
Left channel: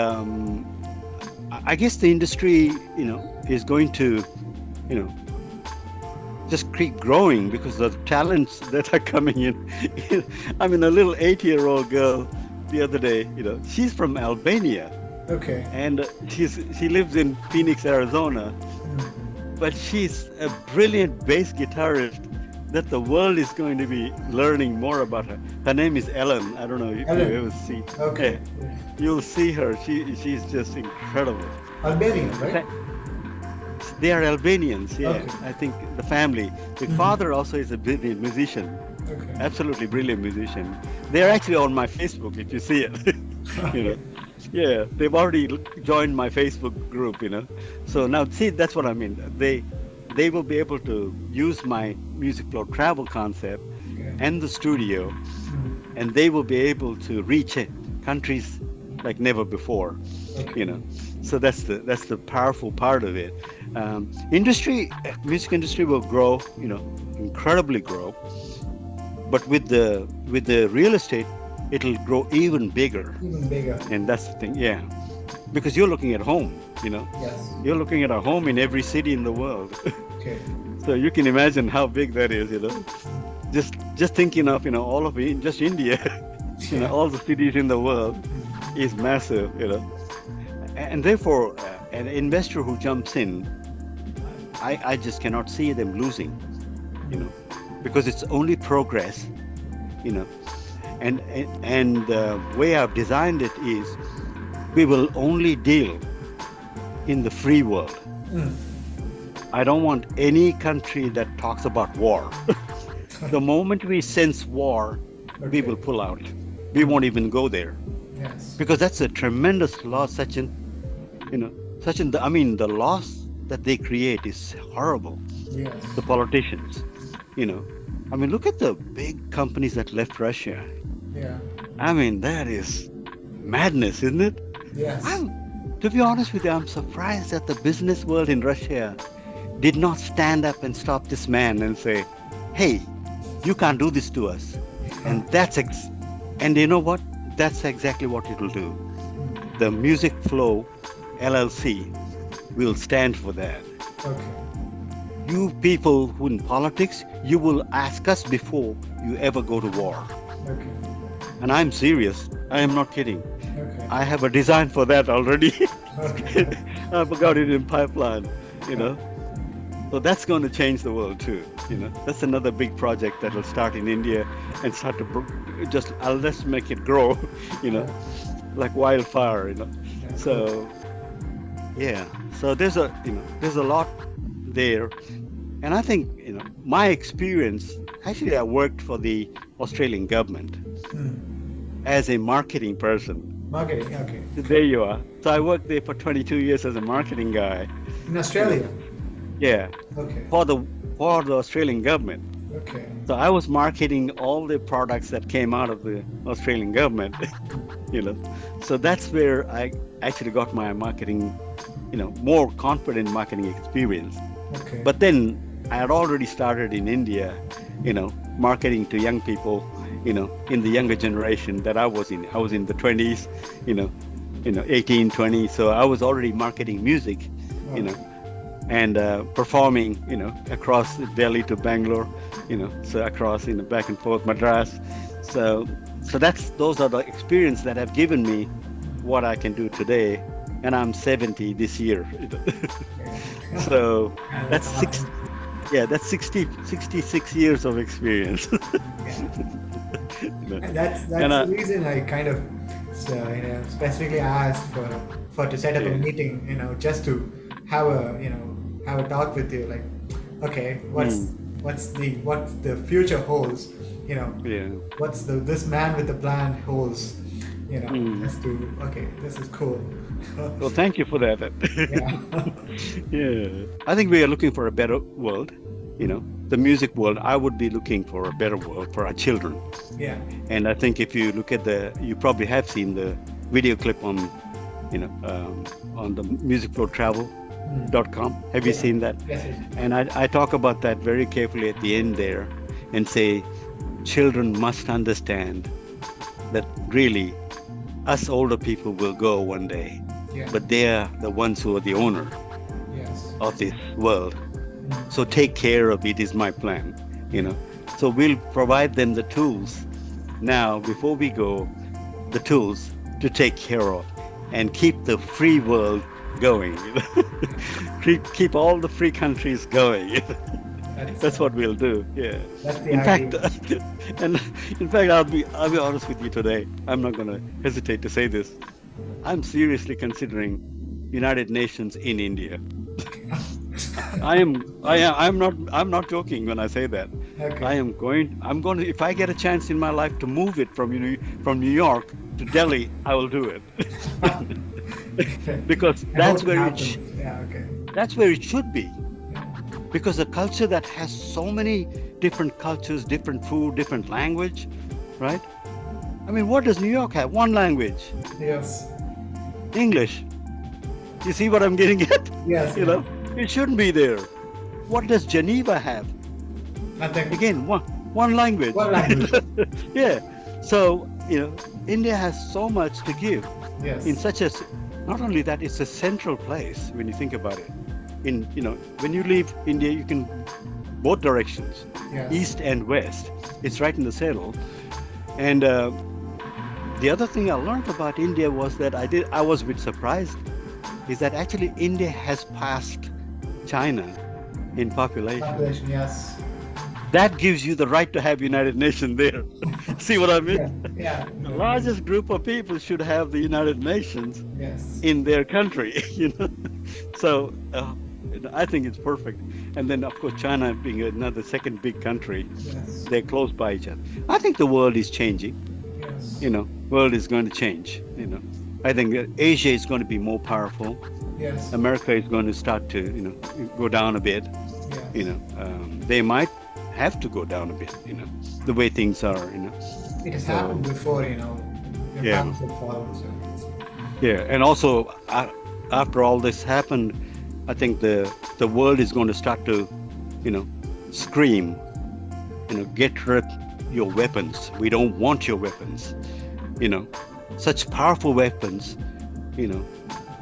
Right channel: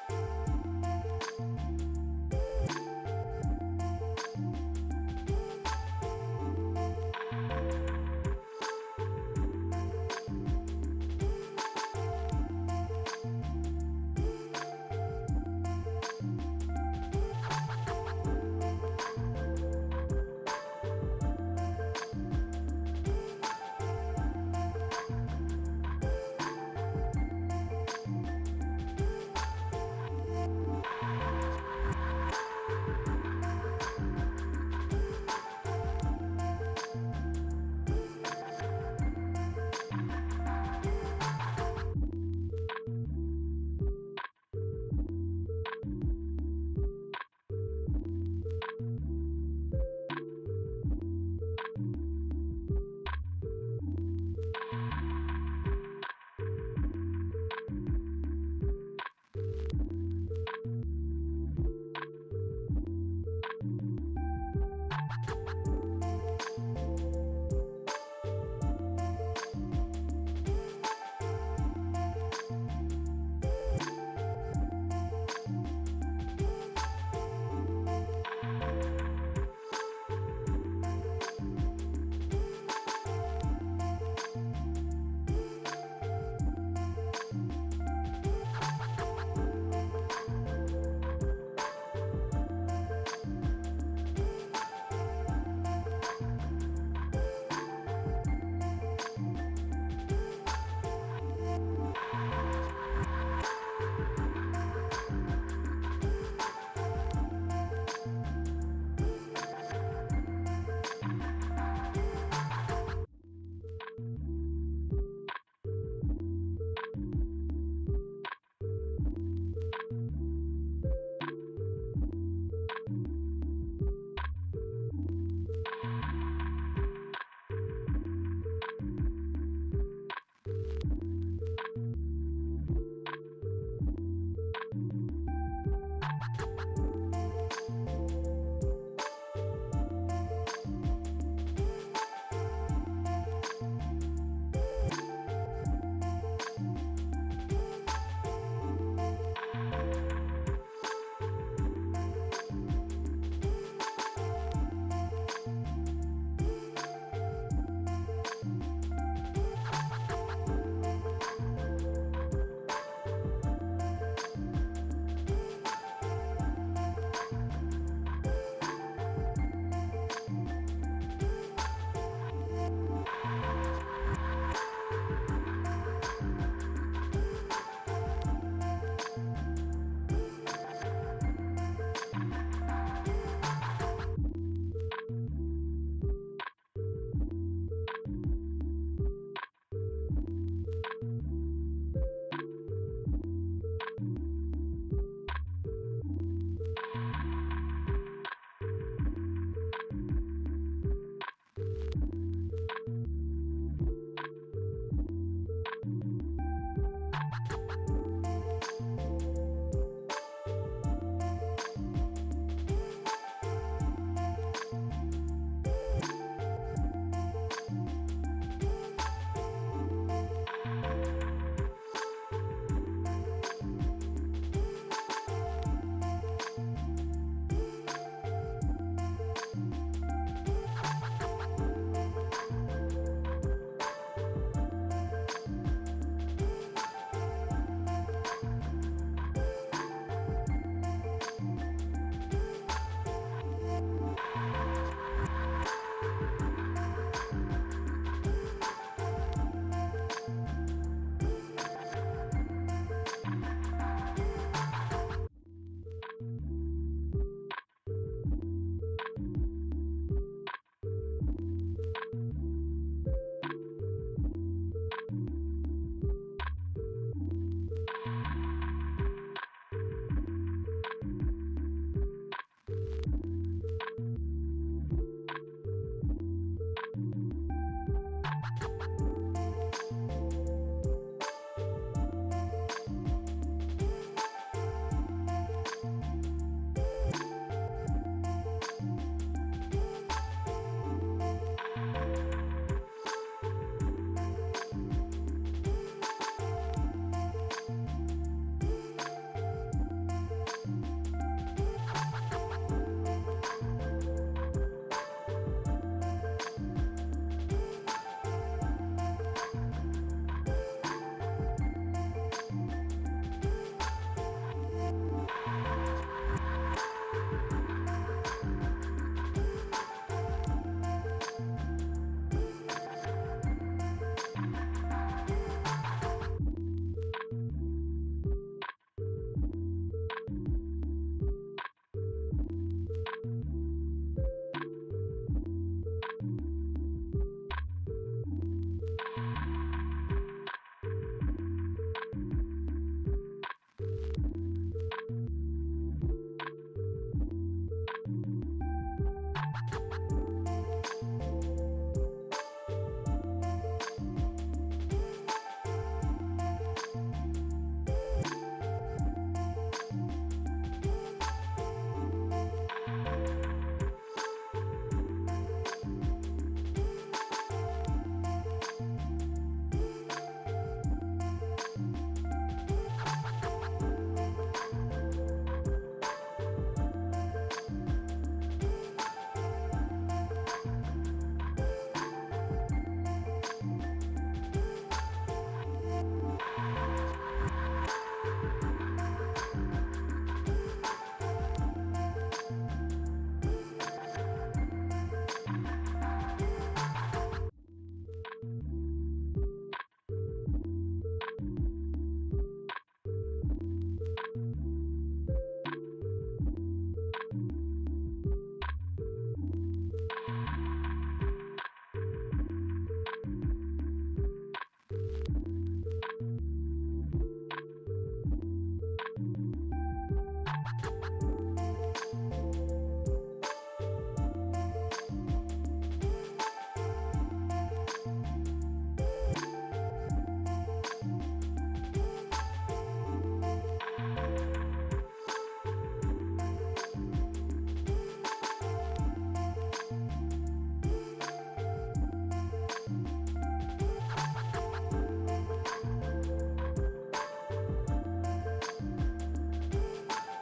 I guess the industry, you know, is going to, you know, just keep growing because of the talents that are coming in. I mean, a little 8-year-old girl the other day, you know, she's from Albania Okay. and she lives in Phoenix, Arizona, but she's a brilliant bass guitarist that the world is going to be learning more about her. Her name is Ellen. I don't know if Ellen. you ever see. Okay. Yeah, you'll see her. She's just incredible. Albanian, right? They are Albanians, yeah. Okay. I think the family. The father also is a brilliant musician, Okay. absolutely brilliant musician. They're actually on my Facebook if you see it. You know, yeah, they've already joined my Facebook group. You know, so now see that's what I mean. They will be able to use my music flow travel concept Okay. and the studio, and they will be able to reach countries like never before. Okay. You know, so that's the powerful part of it. Music industry will grow, you know, incredibly grow, but with the real estate, it'll grow even bigger. Even bigger. And that's the thing, yeah, because you're looking at home, you know, Yes. you're looking at a home in every city in the world. Okay. So you can imagine how big that is, you know. Just thinking of, you know, all of it, just India, you know, all the cities in the world is massive, you know. And therefore, an investor who jumps in, I just cannot see them losing, you know, because it's only progress, you know. And the way I've designed it is we will only deal in the free world. Mm. I don't want any country that talks about war. The moment we sense war, we Okay. will pull out. We won't even go there Yes. because that's a tremendous loss, Sachin. You know, Sachin, I mean, the loss that they create is horrible. Yes. The politicians, you know. I mean, look at the big companies that left Russia. Yeah. I mean, that is madness, isn't it? Yes. To be honest with you, I'm surprised that the business world in Russia did not stand up and stop this man and say, hey, you can't do this to us. And and you know what? That's exactly what it will do. The Music Flow LLC will stand for that. Okay. You people who in politics, you will ask us before you ever go to war. Okay. And I'm serious. I am not kidding. Okay. I have a design for that already. Okay. I've got it in pipeline, you know. So that's going to change the world too, you know. That's another big project that will start in India and start to let's make it grow, you know, like wildfire, you know. So yeah, so there's a lot there, and I think, you know, my experience. Actually, I worked for the Australian government as a marketing person. Marketing. Okay. There you are. So I worked there for 22 years as a marketing guy. In Australia. Yeah, Okay. for the Australian government. Okay. So I was marketing all the products that came out of the Australian government, you know. So that's where I actually got my marketing, you know, more confident marketing experience. Okay. But then I had already started in India, you know, marketing to young people, you know, in the younger generation that I was in. I was in the 20s, you know, 18, 20. So I was already marketing music, you know, and performing, you know, across Delhi to Bangalore, you know, so across, you know, back and forth Madras. So those are the experience that have given me what I can do today, and I'm 70 this year. So that's 66 years of experience. And that's And, the reason I kind of specifically asked for to set up a meeting, you know, just to have a talk with you, like, okay, what's the future holds, you know, what's this man with the plan holds, you know, just to, okay, this is cool. Well, thank you for that. Yeah. Yeah, I think we are looking for a better world, you know, the music world. I would be looking for a better world for our children. Yeah. And I think if you look at you probably have seen the video clip on on the musicfortravel.com. Have you Yeah. seen that? Yes, yes. And I talk about that very carefully at the end there and say children must understand that really us older people will go one day, Yeah. but they're the ones who are the owner Yes. of this world. Mm. So take care of it is my plan, you know. So we'll provide them the tools now before we go, the tools to take care of and keep the free world going. Keep all the free countries going. That's That's what we'll do. Yeah. that's the In fact, idea. and in fact, I'll be honest with you today. I'm not gonna hesitate to say this. I'm seriously considering United Nations in India. I'm not joking when I say that. Okay. I'm going to, if I get a chance in my life to move it from New York to Delhi, I will do it. Okay. Because I hope it happens. Yeah. Okay. that's where it should be. Because a culture that has so many different cultures, different food, different language, right? I mean, what does New York have? One language, Yes. English. You see what I'm getting at? Yes. You know, it shouldn't be there. What does Geneva have? Nothing. Again, one language. One language. Yeah. So, India has so much to give Yes. in such a, not only that, it's a central place when you think about it. When you leave India, you can both directions, Yes. east and west. It's right in the center. And the other thing I learned about India was that I was a bit surprised, is that actually India has passed China in population. Population. Yes. That gives you the right to have United Nations there. See what I Yeah. mean? Yeah. The largest group of people should have the United Nations Yes. in their country, So I think it's perfect. And then, of course, China being another second big country, Yes. they're close by each other. I think the world is changing. Yes. World is going to change. I think that Asia is going to be more powerful. Yes. America is going to start to, go down a bit. Yes. They might have to go down a bit. The way things are. It has So, happened before, Yeah. Council falls. Yeah, and also after all this happened, I think the world is going to start to, scream, get rid your weapons. We don't want your weapons. Such powerful weapons.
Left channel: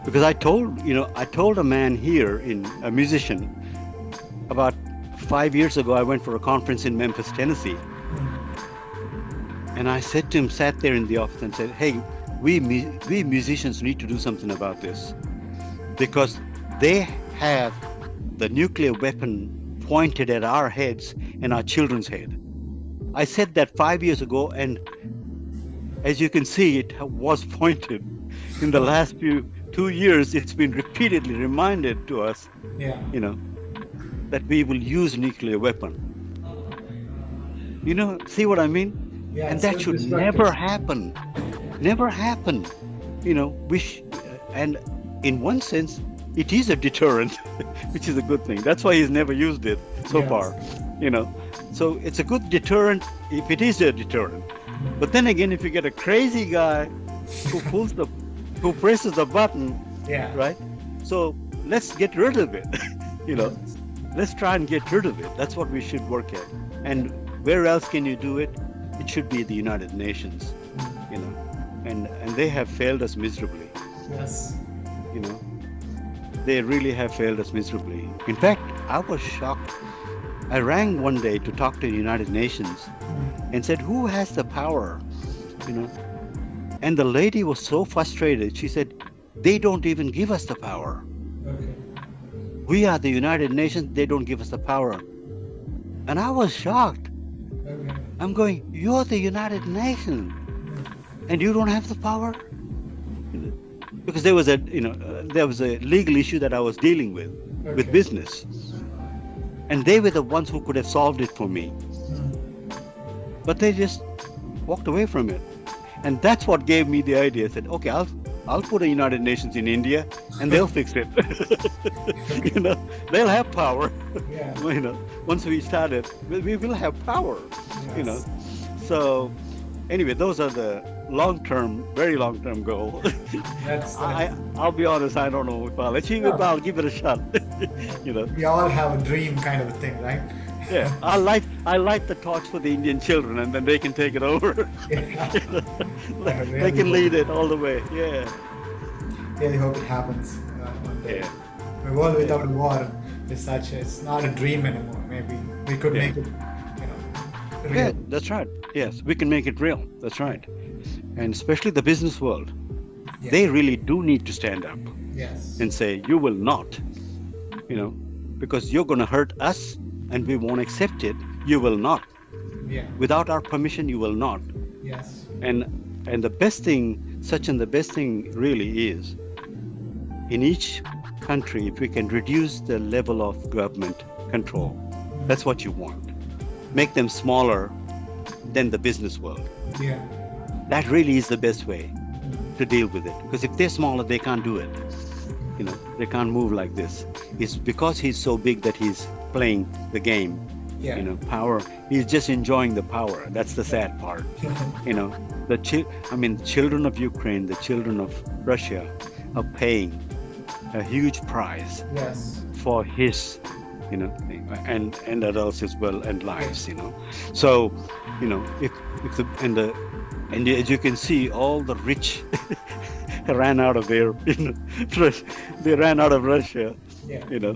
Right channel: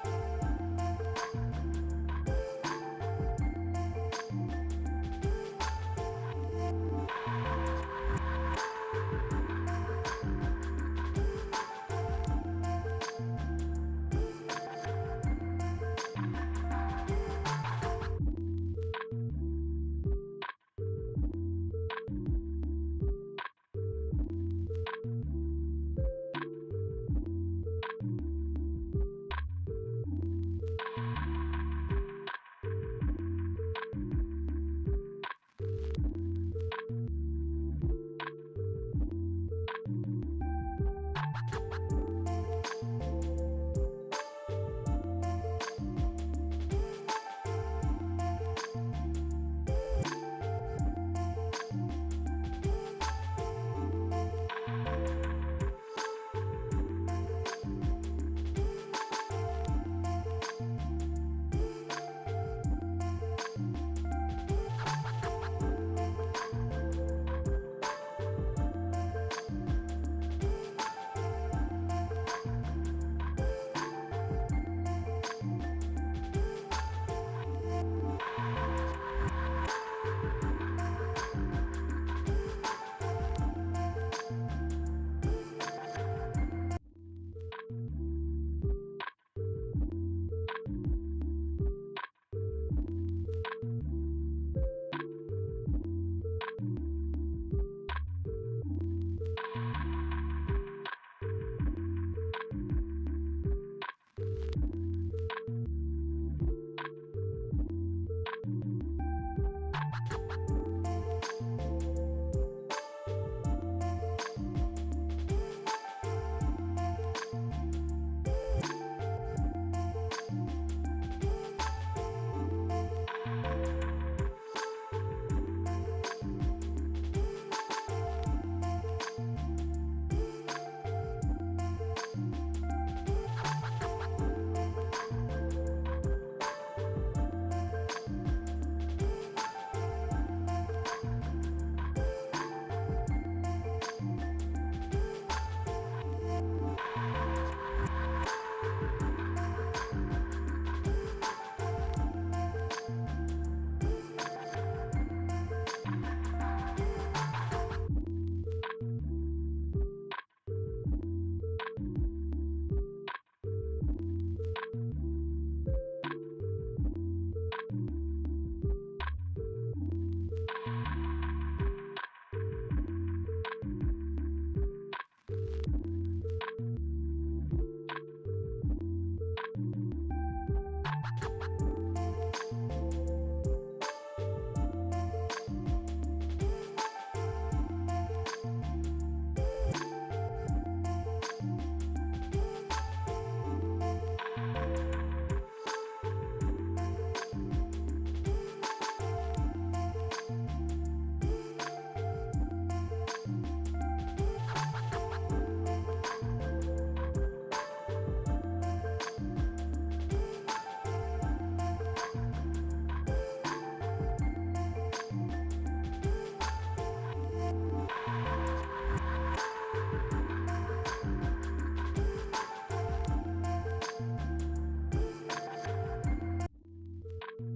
Because I told a man here, a musician, about 5 years ago. I went for a conference in Memphis, Tennessee, and I said to him, sat there in the office and said, "Hey, we musicians need to do something about this, because they have the nuclear weapon pointed at our heads and our children's head." I said that 5 years ago, and as you can see, it was pointed. In the last 2 years, it's been repeatedly reminded to us, Yeah. that we will use nuclear weapon. See what I mean? Yeah. And It's that so should destructive. never happen. Never happen. And in one sense, it is a deterrent, which is a good thing. That's why he's never used it so Yes. far. So it's a good deterrent if it is a deterrent. But then again, if you get a crazy guy who presses the button, Yeah. right? So let's get rid of it. Let's try and get rid of it. That's what we should work at. And where else can you do it? It should be the United Nations. And they have failed us miserably. Yes. They really have failed us miserably. In fact, I was shocked. I rang one day to talk to the United Nations and said, "Who has the power?" And the lady was so frustrated. She said, "They don't even give us the power. Okay. We are the United Nations. They don't give us the power." And I was shocked. Okay. I'm going, "You're the United Nations, and you don't have the power?" Because there was a legal issue that I was dealing with Okay. business, and they were the ones who could have solved it for me, but they just walked away from it. And that's what gave me the idea. I said, "Okay, I'll put a United Nations in India, and they'll fix it." They'll have power. Yeah. Once we started, we will have power. Yes. So anyway, those are the long-term, very long-term goal. That's I I'll be honest, I don't know if I'll achieve it, no, but I'll give it a shot. You know, we all have a dream kind of a thing, right? yeah. I light the torch for the Indian children, and then they can take it over. Yeah, You know, I they really can hope, lead it all the way. Yeah, really hope it happens one day. yeah, A world yeah, without war is such. It's not a dream anymore. Maybe we could yeah. make it, Yeah, real. that's right. Yes, we can make it real. That's right. And especially the business world, Yeah. they really do need to stand up Yes. and say, "You will not," you know, because you're going to hurt us, and we won't accept it. You will not. Yeah. Without our permission, you will not. Yes. And the best thing, Sachin, the best thing really is in each country, if we can reduce the level of government control, that's what you want. Make them smaller than the business world. Yeah. That really is the best way to deal with it. Because if they're smaller, they can't do it. You know, they can't move like this. It's because he's so big that he's playing the game. Yeah. You know, power. He's just enjoying the power. That's the sad part. You know, the children of Ukraine, the children of Russia, are paying a huge price Yes. for his, you know, and adults as well, and lives. You know, so, you know, if the and as you can see, all the rich ran out of there. You know, they ran out of Russia. Yeah. You know,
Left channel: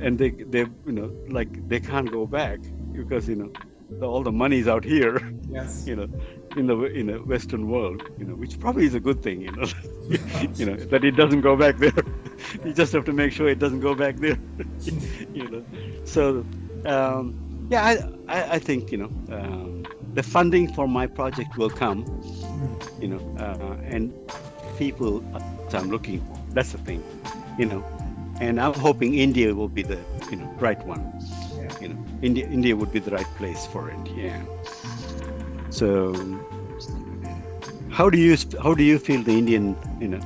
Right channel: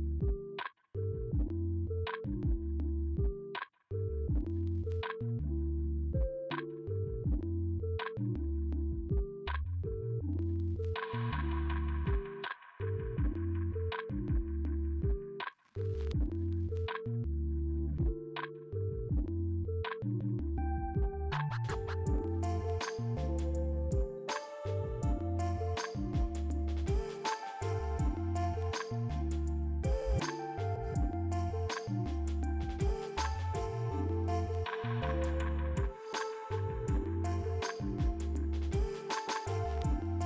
and they you know, like they can't go back because, you know, all the money's out here. Yes. You know, in the Western world. You know, which probably is a good thing. You know, you know, that it doesn't go back there. You just have to make sure it doesn't go back there. You know, so yeah, I think, you know, the funding for my project will come. You know, and people I'm looking for. That's the thing. You know, and I'm hoping India will be the, you know, right one. Yeah. You know, India would be the right place for it. Yeah. So how do you feel the Indian, you know,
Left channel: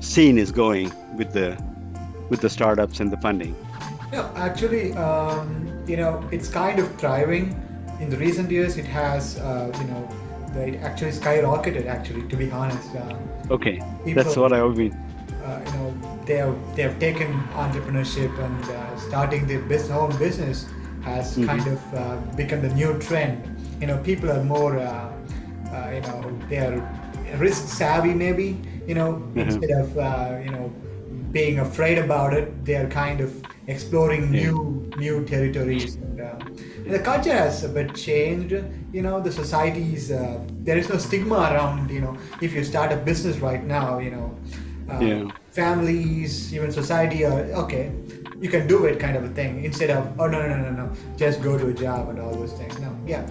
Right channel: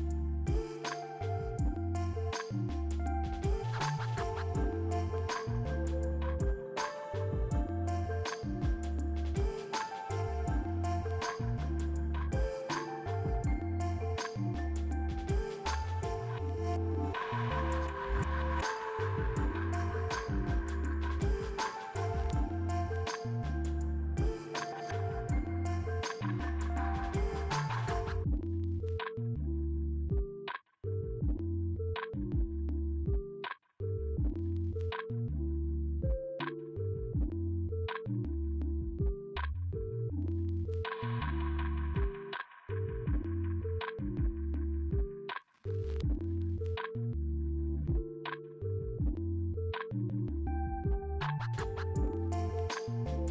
scene is going with the startups and the funding? No, actually, you know, it's kind of thriving. In the recent years, it has, you know, it actually skyrocketed. Actually, to be honest, Okay, people, that's what I mean. you know, they have taken entrepreneurship and starting their own business has kind of become the new trend. You know, people are more, you know, they are risk savvy maybe. You know, instead of you know, being afraid about it, they are kind of exploring new territories. And the culture has a bit changed. You know, the societies, there is no stigma around, you know, if you start a business right now, you know, families, even society are, okay, you can do it kind of a thing, instead of, oh, no, just go to a job and all those things. No, yeah,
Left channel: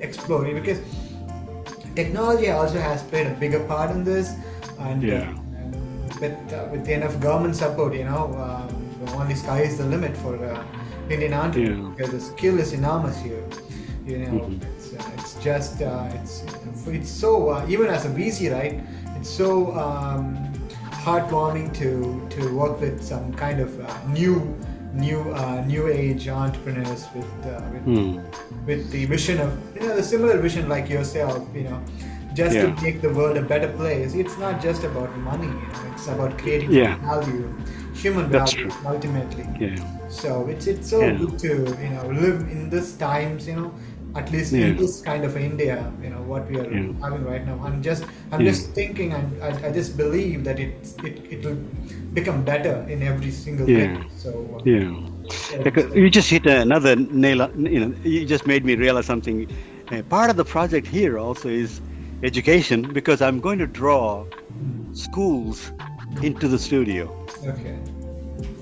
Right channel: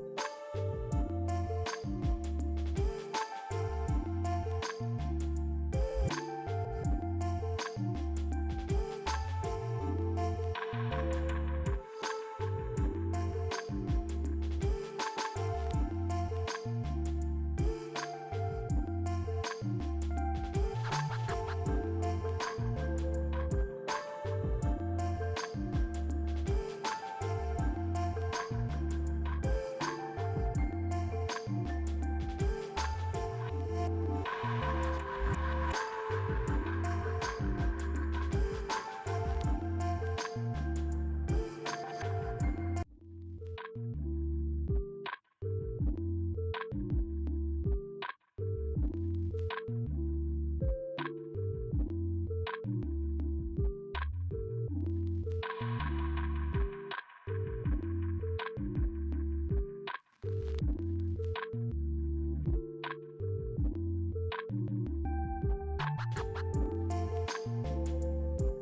explore it, because technology also has played a bigger part in this. And with enough government support, you know, only sky is the limit for Indian entrepreneurs, because the skill is enormous here. You know, it's just it's so even as a VC, right? It's so heartwarming to work with some kind of new age entrepreneurs with the vision of, you know, the similar vision like yourself. You know, just to make the world a better place. It's not just about money. It's about creating value, human value, ultimately. So it's so good to, you know, live in these times, you know, at least in this kind of India, you know, what we are having right now. I'm just thinking, and I just believe that it will become better in every single thing. So Because you just hit another nail. You know, you just made me realize something. Part of the project here also is education, because I'm going to draw schools into the studio. Okay.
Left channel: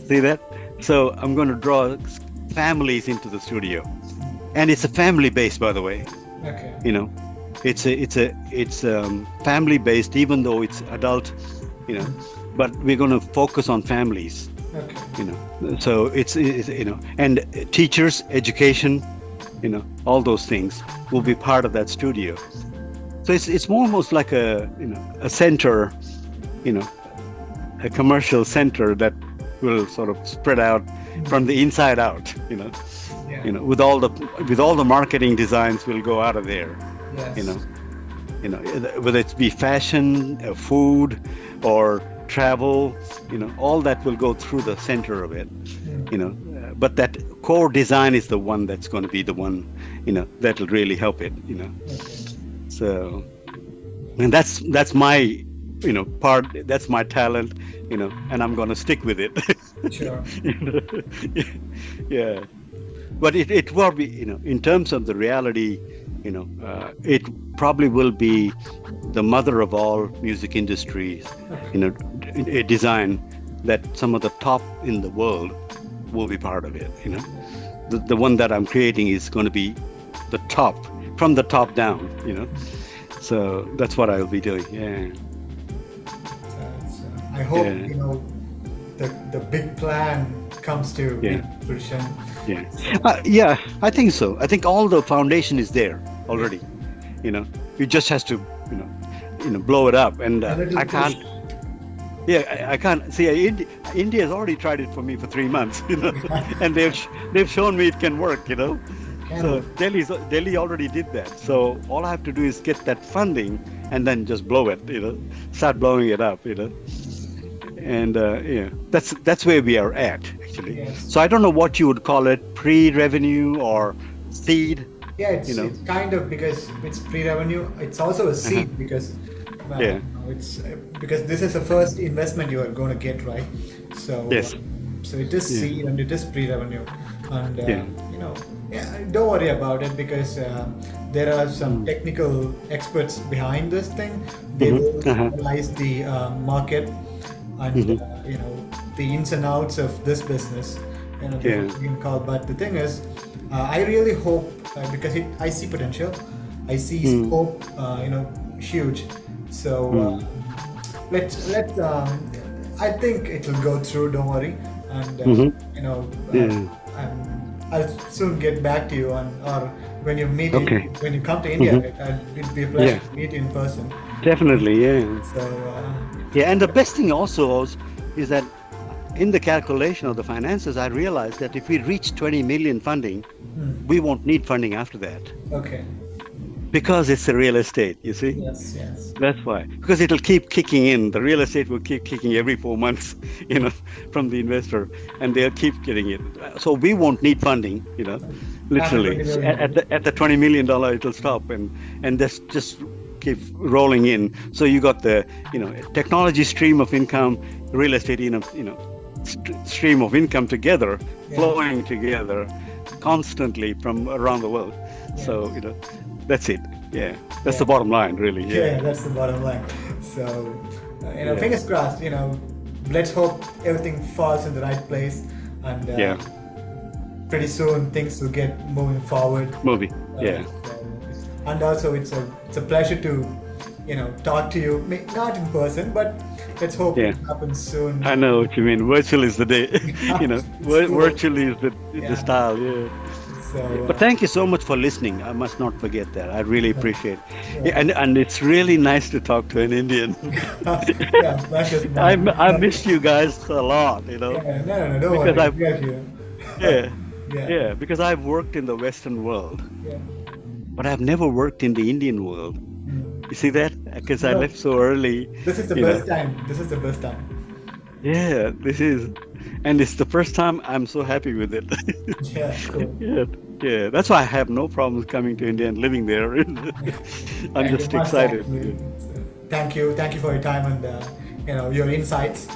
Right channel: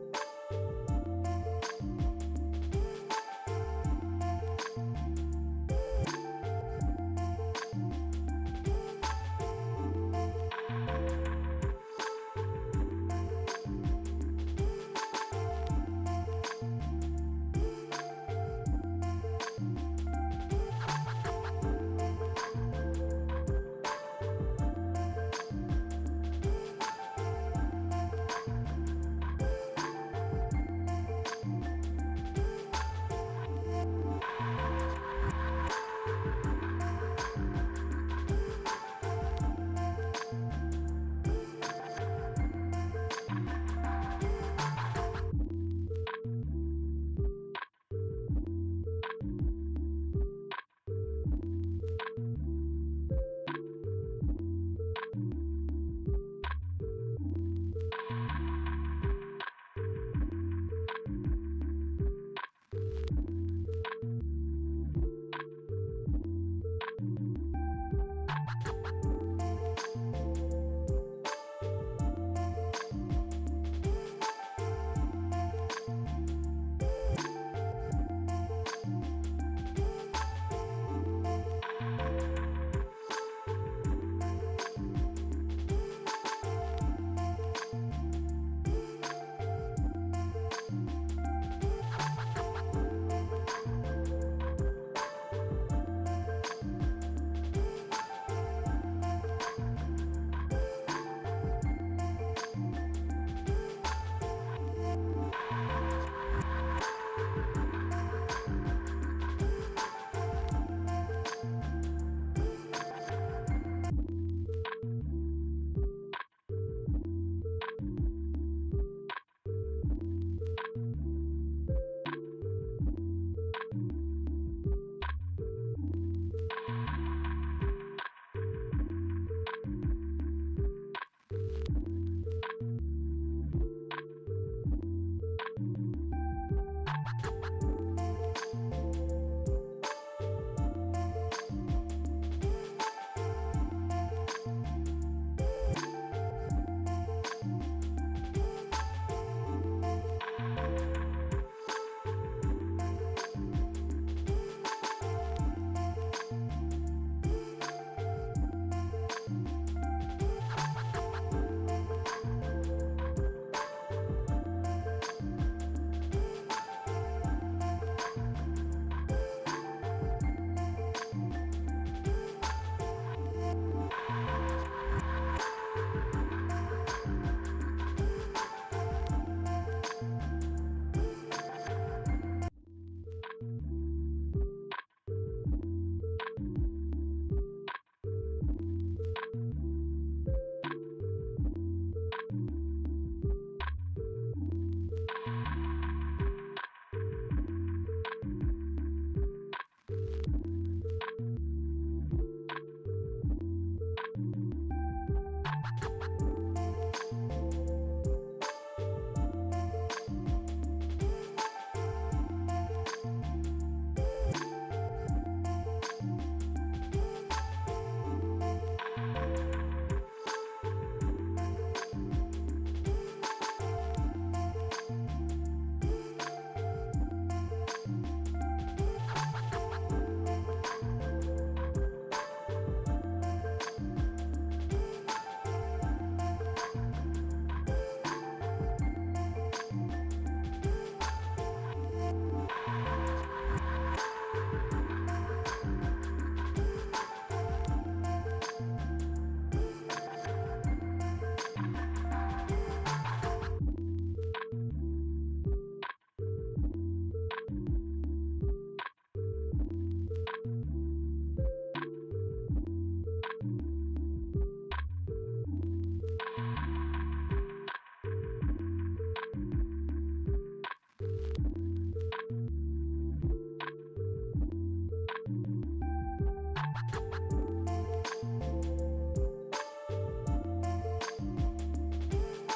See that? So I'm going to draw families into the studio, and it's a family based, by the way. Okay. You know, it's family based, even though it's adult. You know, but we're going to focus on families. Okay. You know, so it's you know, and teachers, education, you know, all those things will be part of that studio. So it's almost like a, you know, a center, you know, a commercial center that will sort of spread out from the inside out. You know, with all the marketing designs will go out of there. Yes. You know, whether it's be fashion, food, or travel, all that will go through the center of it, but that core design is the one that's going to be the one, that'll really help it. Okay. So, and that's my, part, that's my talent, and I'm going to stick with it. Sure. You know? Yeah. But it will be, in terms of the reality, it probably will be the mother of all music industries, a design that some of the top in the world will be part of it. The one that I'm creating is going to be the top, from the top down. So that's what I'll be doing. Yeah. I hope Yeah. the big plan comes to Yeah. fruition. Yeah, I think so. I think all the foundation is there already. It just has to, blow it up. And A little I push. can't. Yeah, I can't see. India has already tried it for me for 3 months, and they've shown me it can work. So Delhi already did that. So all I have to do is get that funding and then just blow it. Start blowing it up. And yeah, that's where we are at actually. Yes. So I don't know what you would call it, pre-revenue or seed. Yeah, it's kind of, because it's pre-revenue. It's also a seed because Yeah. it's because this is the first investment you are going to get, right? So Yes. so it is seed and it is pre-revenue, and Yeah. don't worry about it, because there are some technical experts behind this thing. They will analyze the market and the ins and outs of this business. Yeah. Call. But the thing is, I really hope, because I see potential, I see scope, huge. So let I think it will go through. Don't worry, and I'll soon get back to you or when you meet Okay. when you come to India. It'll be a pleasure to meet you in person. Definitely, yeah. So Yeah, and the best thing also is that in the calculation of the finances, I realized that if we reach 20 million funding, we won't need funding after that, okay. because it's the real estate, you see? Yes. Yes. That's why. Because it'll keep kicking in. The real estate will keep kicking every 4 months, from the investor, and they'll keep getting it. So we won't need funding, literally. After 20 million. At the $20 million, it'll stop, and that's just keep rolling in. So you got the, technology stream of income, real estate, stream of income together, flowing together constantly from around the world. So, that's it. Yeah, that's the bottom line, really. Yeah, that's the bottom line. So, fingers crossed. Let's hope everything falls in the right place, and pretty soon things will get moving forward. Movie. Yeah. And also, it's a pleasure to, talk to you. Not in person, but let's hope it happens soon. I know what you mean. Virtual is the day. Cool. Virtually is the style. Yeah. So, But thank you so much for listening. I must not forget that. I really appreciate it. Yeah, and it's really nice to talk to an Indian. pleasure's mine. I missed you guys a lot, Yeah, no, don't because worry. I've- We are here. Yeah, because I've worked in the Western world, Yeah. but I've never worked in the Indian world. You see that? Because I No. left so early. This is the best time. This is the best time. Yeah, this is, and it's the first time I'm so happy with it. Yeah, cool. Yeah. That's why I have no problems coming to India and living there. I'm Thank you just much, excited. actually. So, thank you for your time and your insights.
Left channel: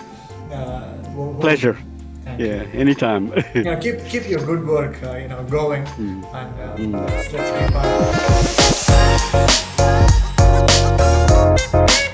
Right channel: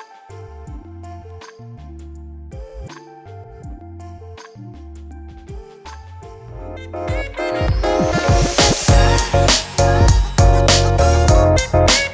Pleasure. Thank Yeah, anytime. you. Keep your good work, going. And let's have fun.